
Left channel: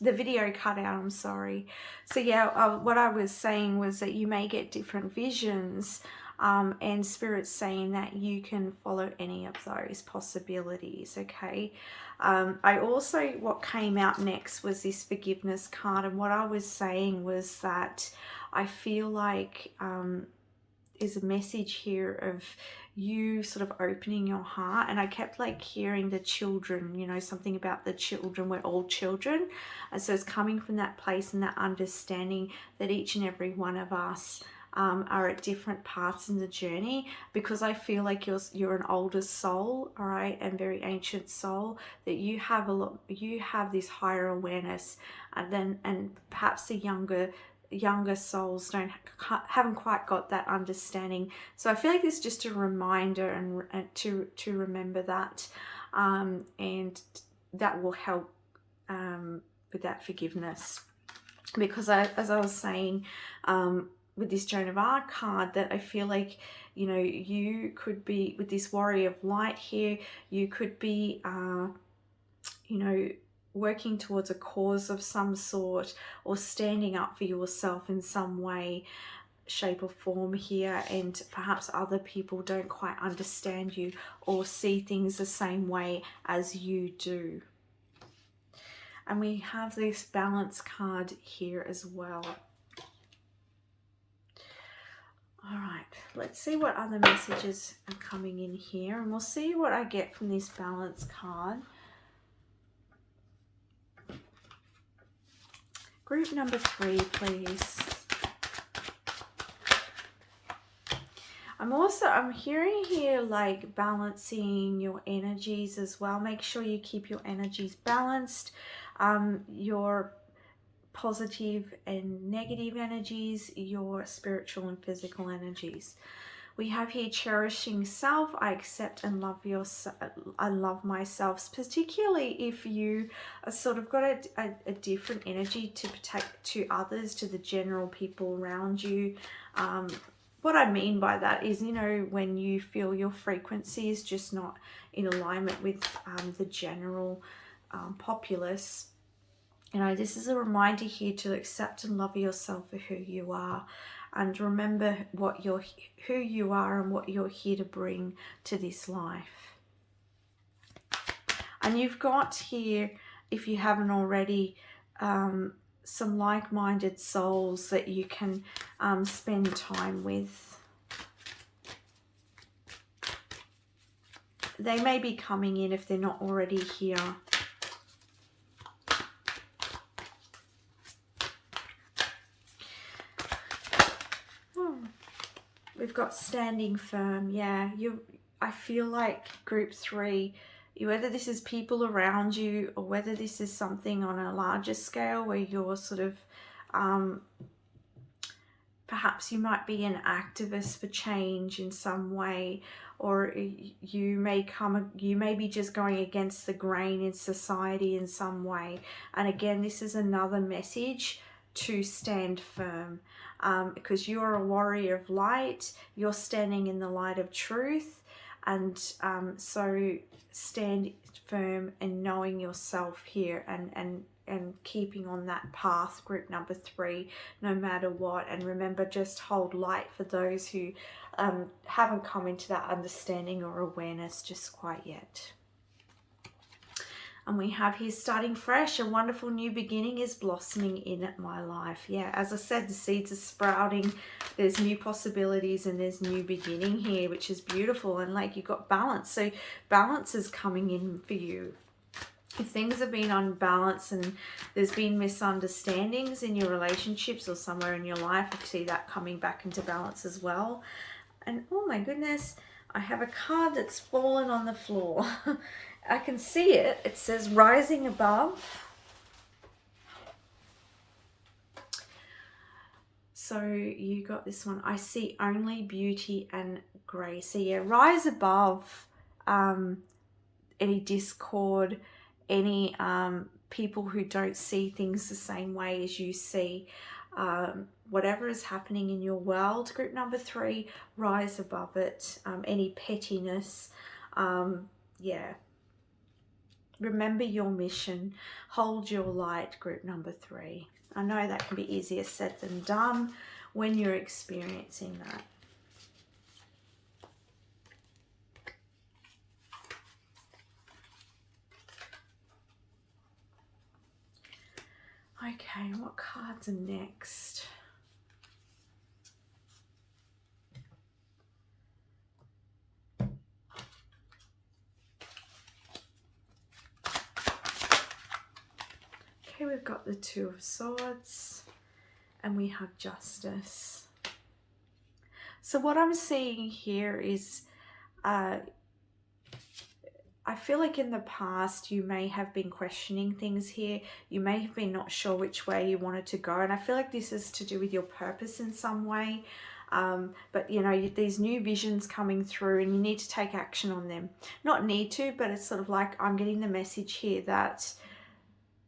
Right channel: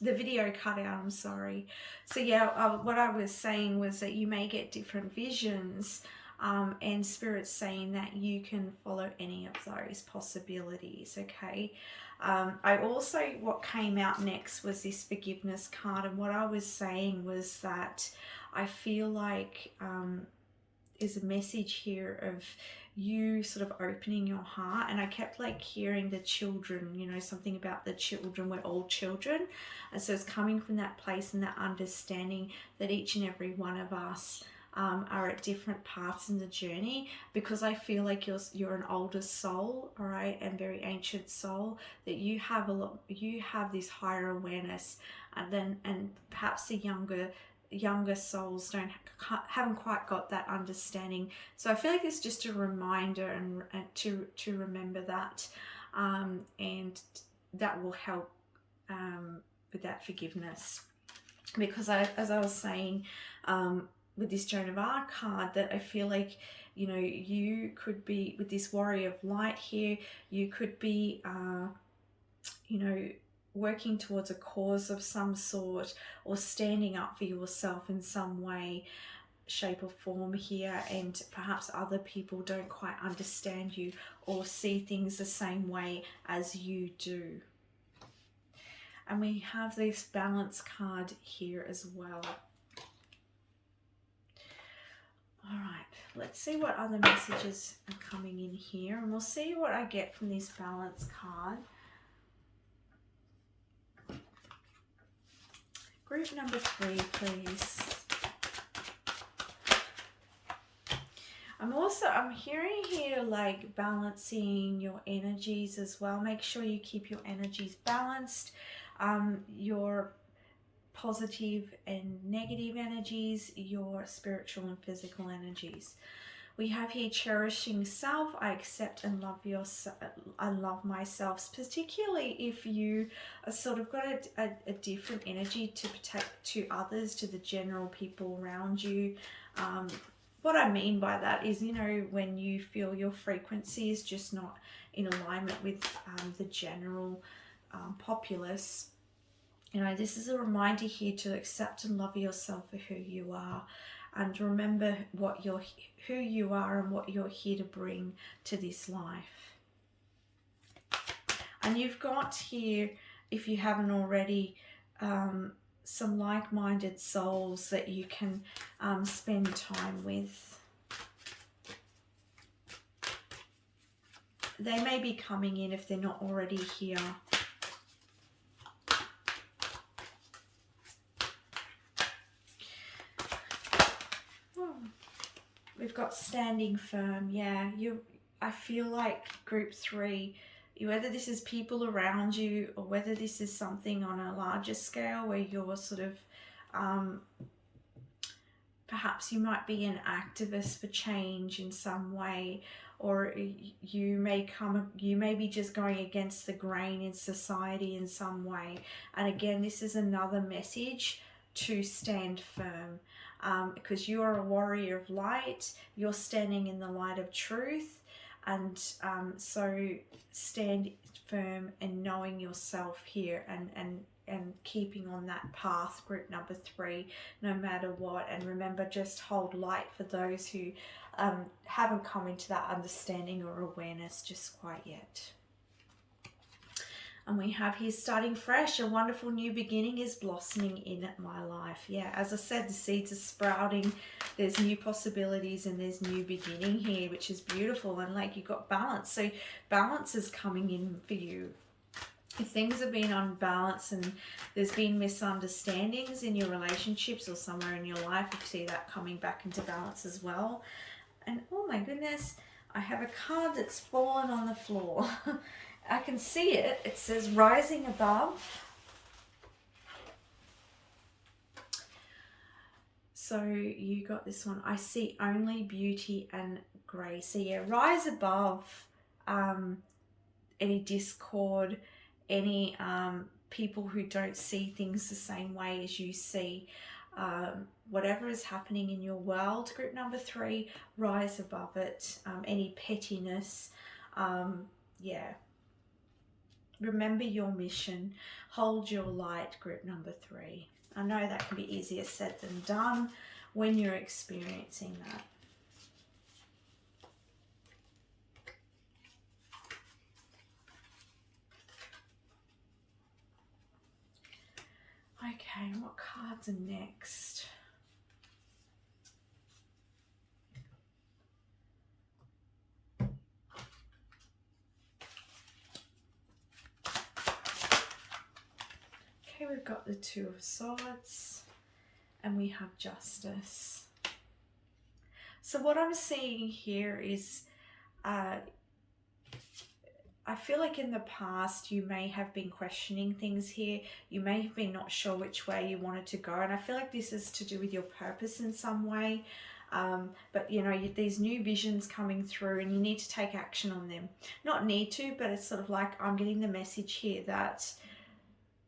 video cut out, I'm sorry. So yeah, what I was saying was that you may get different visions, and Spirit's saying that you can follow any of those possibilities, okay? I also, what came out next was this forgiveness card, and what I was saying was that I feel like is a message here of you sort of opening your heart. And I kept like hearing the children, you know, something about the children. We're all children, and so it's coming from that place and that understanding that each and every one of us are at different parts in the journey, because I feel like you're an older soul, all right, and very ancient soul, that you have you have this higher awareness, and perhaps the younger souls haven't quite got that understanding. So I feel like it's just a reminder, and to remember that, and that will help with that forgiveness. Because as I was saying, with this Joan of Arc card, that I feel like, you know, you could be with this Warrior of Light here, you could be you know, working towards a cause of some sort, or standing up for yourself in some way, shape or form here, and perhaps other people don't quite understand you or see things the same way as you do. And we have this Balance card here as well. All right, let's see what other messages are coming in here, and we'll see what I get from this Balance card. Group number 3, please. I'm hearing here like balancing your energies as well. Make sure you keep your energies balanced. Your positive and negative energies, your spiritual and physical energies. We have here cherishing self. I accept and love yourself. I love myself, particularly if you are sort of got a different energy to protect to others, to the general people around you. What I mean by that is, you know, when you feel your frequency is just not in alignment with the general populace. You know, this is a reminder here to accept and love yourself for who you are, and remember who you are and what you're here to bring to this life. And you've got here, if you haven't already, some like-minded souls that you can spend time with. They may be coming in if they're not already here. We've got standing firm. Yeah, I feel like group 3, whether this is people around you or whether this is something on a larger scale where you're sort of perhaps you might be an activist for change in some way, or you may be just going against the grain in society in some way. And again, this is another message to stand firm. Because you are a warrior of light, you're standing in the light of truth, and so stand firm and knowing yourself here, and keeping on that path, group number 3, no matter what. And remember, just hold light for those who haven't come into that understanding or awareness just quite yet. And we have here starting fresh. A wonderful new beginning is blossoming in my life. Yeah, as I said, the seeds are sprouting. There's new possibilities and there's new beginning here, which is beautiful. And like, you've got balance. So balance is coming in for you. If things have been unbalanced and there's been misunderstandings in your relationships or somewhere in your life, I see that coming back into balance as well. And oh my goodness, I have a card that's fallen on the floor. I can see it. It says rising above. So you got this one. I see only beauty and grace. So yeah, rise above any discord, any people who don't see things the same way as you see. Whatever is happening in your world, group number 3, rise above it. Any pettiness, yeah. Remember your mission. Hold your light, group number 3. I know that can be easier said than done when you're experiencing that. Okay, what cards are next? we've got the Two of Swords and we have Justice. So what I'm seeing here is, I feel like in the past you may have been questioning things here. You may have been not sure which way you wanted to go. And I feel like this is to do with your purpose in some way. But you know, these new visions coming through and you need to take action on them. Not need to, but it's sort of like I'm getting the message here that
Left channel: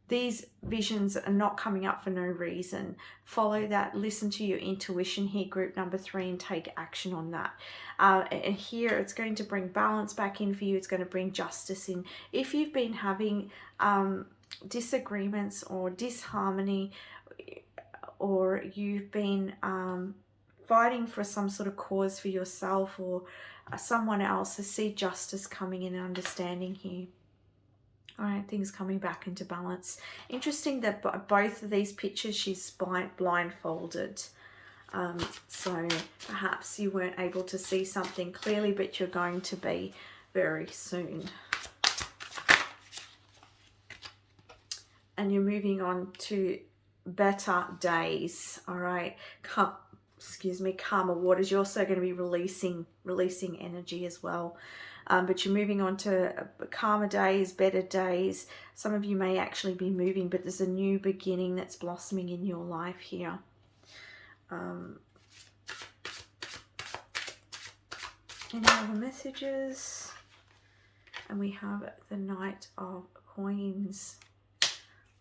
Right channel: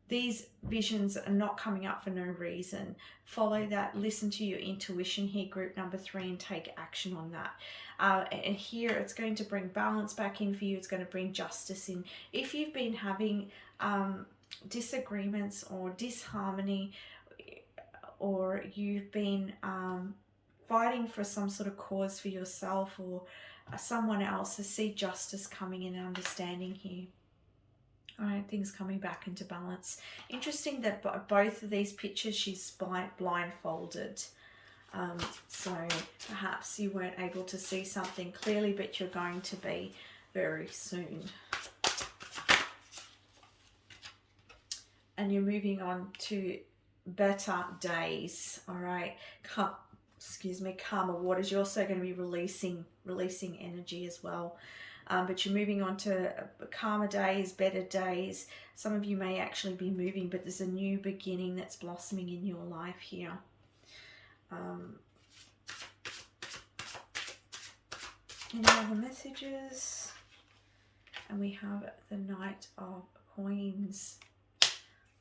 these visions are not coming up for no reason. Follow that, listen to your intuition here, group number 3, and take action on that. And here it's going to bring balance back in for you. It's going to bring justice in. If you've been having disagreements or disharmony, or you've been fighting for some sort of cause for yourself or someone else, I see justice coming in and understanding here. All right, things coming back into balance. Interesting that both of these pictures she's blindfolded. So perhaps you weren't able to see something clearly, but you're going to be very soon. And you're moving on to better days. All right, excuse me, calmer waters. You're also going to be releasing energy as well. But you're moving on to calmer days, better days. Some of you may actually be moving, but there's a new beginning that's blossoming in your life here. Any other messages? And we have the Knight of Coins.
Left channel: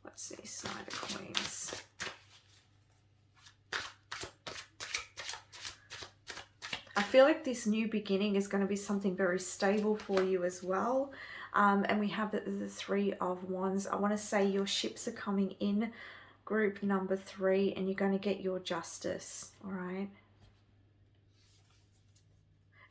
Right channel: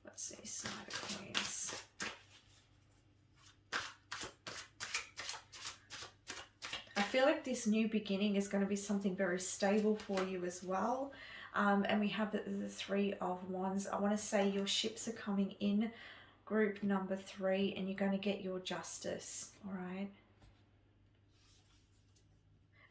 What's this Knight of Coins? I feel like this new beginning is going to be something very stable for you as well. And we have the Three of Wands. I want to say your ships are coming in, group number 3, and you're going to get your justice. All right.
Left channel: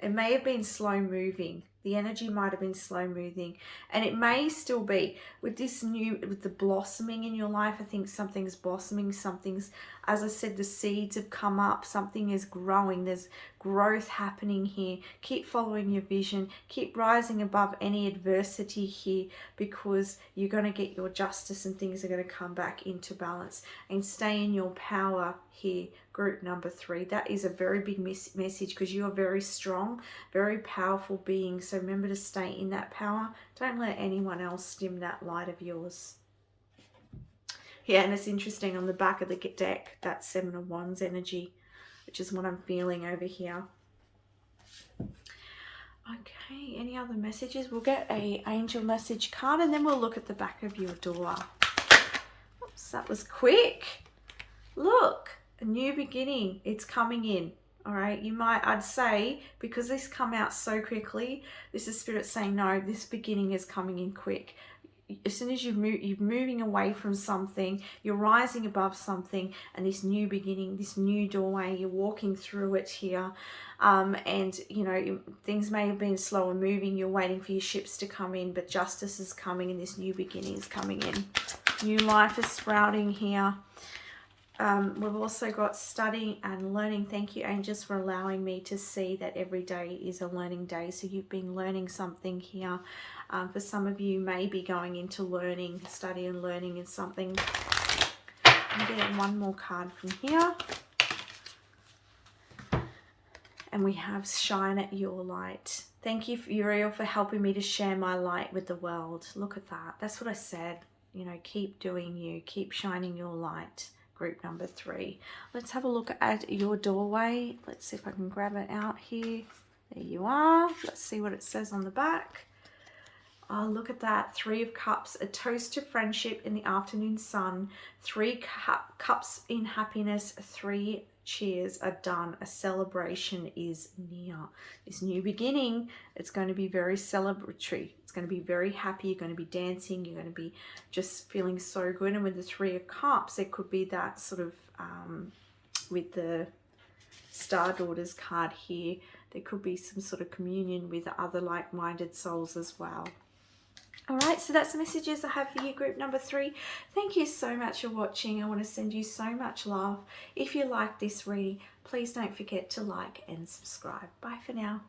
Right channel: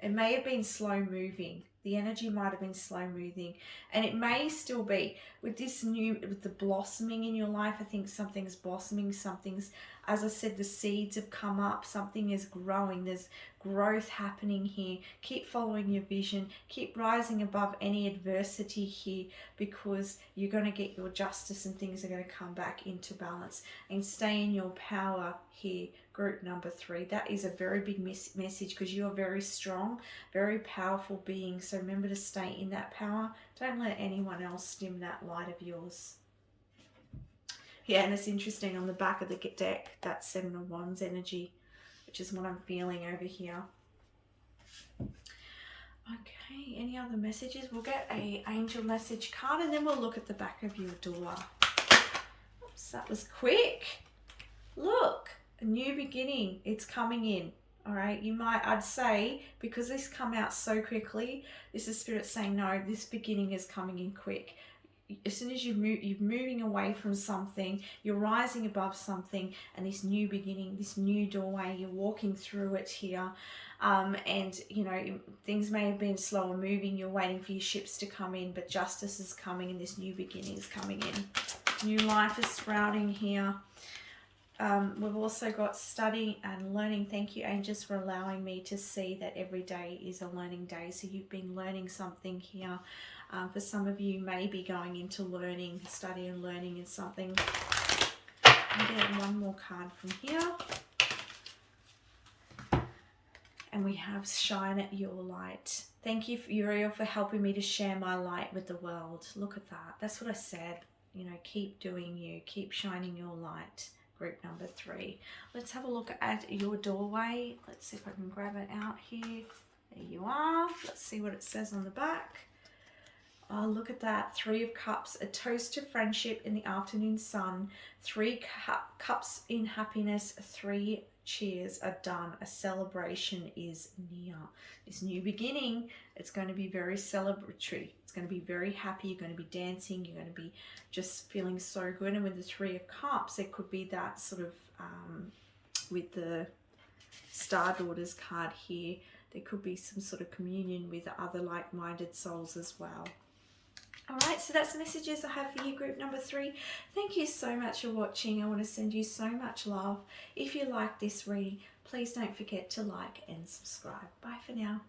It may have been slow moving. The energy might have been slow moving, and it may still be with this with the blossoming in your life. I think something's blossoming, something's, as I said, the seeds have come up, something is growing, there's growth happening here. Keep following your vision, keep rising above any adversity here, because you're going to get your justice and things are going to come back into balance. And stay in your power here, group number 3. That is a very big message, because you are very strong, very powerful being. So remember to stay in that power. Don't let anyone else dim that light of yours. Yeah, and it's interesting on the back of the deck, that 7 of Wands energy, which is what I'm feeling over here. Okay, any other messages? We'll get a angel message card and then we'll look at the back of your door. Oops, that was quick. Look, a new beginning. It's coming in. All right, you might, I'd say, because this come out so quickly, this is Spirit saying, no, this beginning is coming in quick. As soon as you're moving away from something, you're rising above something, and this new beginning, this new doorway, you're walking through it here. And, you know, things may have been slower moving. You're waiting for your ships to come in, but justice is coming and this new beginning is coming in. New life is sprouting here. We've also got studying and learning. Thank you, angels, for allowing me to see that every day is a learning day. So you've been learning something here. For some of you, may be going into learning, study and learning is something. I'm getting one more card from here. And we have shine at your light. Thank you, Uriel, for helping me to share my light with the world. Look at that. That's what I said. You know, keep doing you. Keep shining your light. Group number 3. Let's have a look at your doorway. Let's see if I can grab it out here. There you are. Let's see what it says on the back. Oh, look at that. 3 of Cups, a toast to friendship in the afternoon sun. 3 cups in happiness. 3 cheers are done. A celebration is near. This new beginning, it's going to be very celebratory. It's going to be very happy. You're going to be dancing. You're going to be just feeling so good. And with the 3 of Cups, it could be that sort of, with the Star Daughters card here, there could be some sort of communion with other like-minded souls as well. All right, so that's the messages I have for you, group number 3. Thank you so much for watching. I want to send you so much love. If you like this reading, please don't forget to like and subscribe. Bye for now.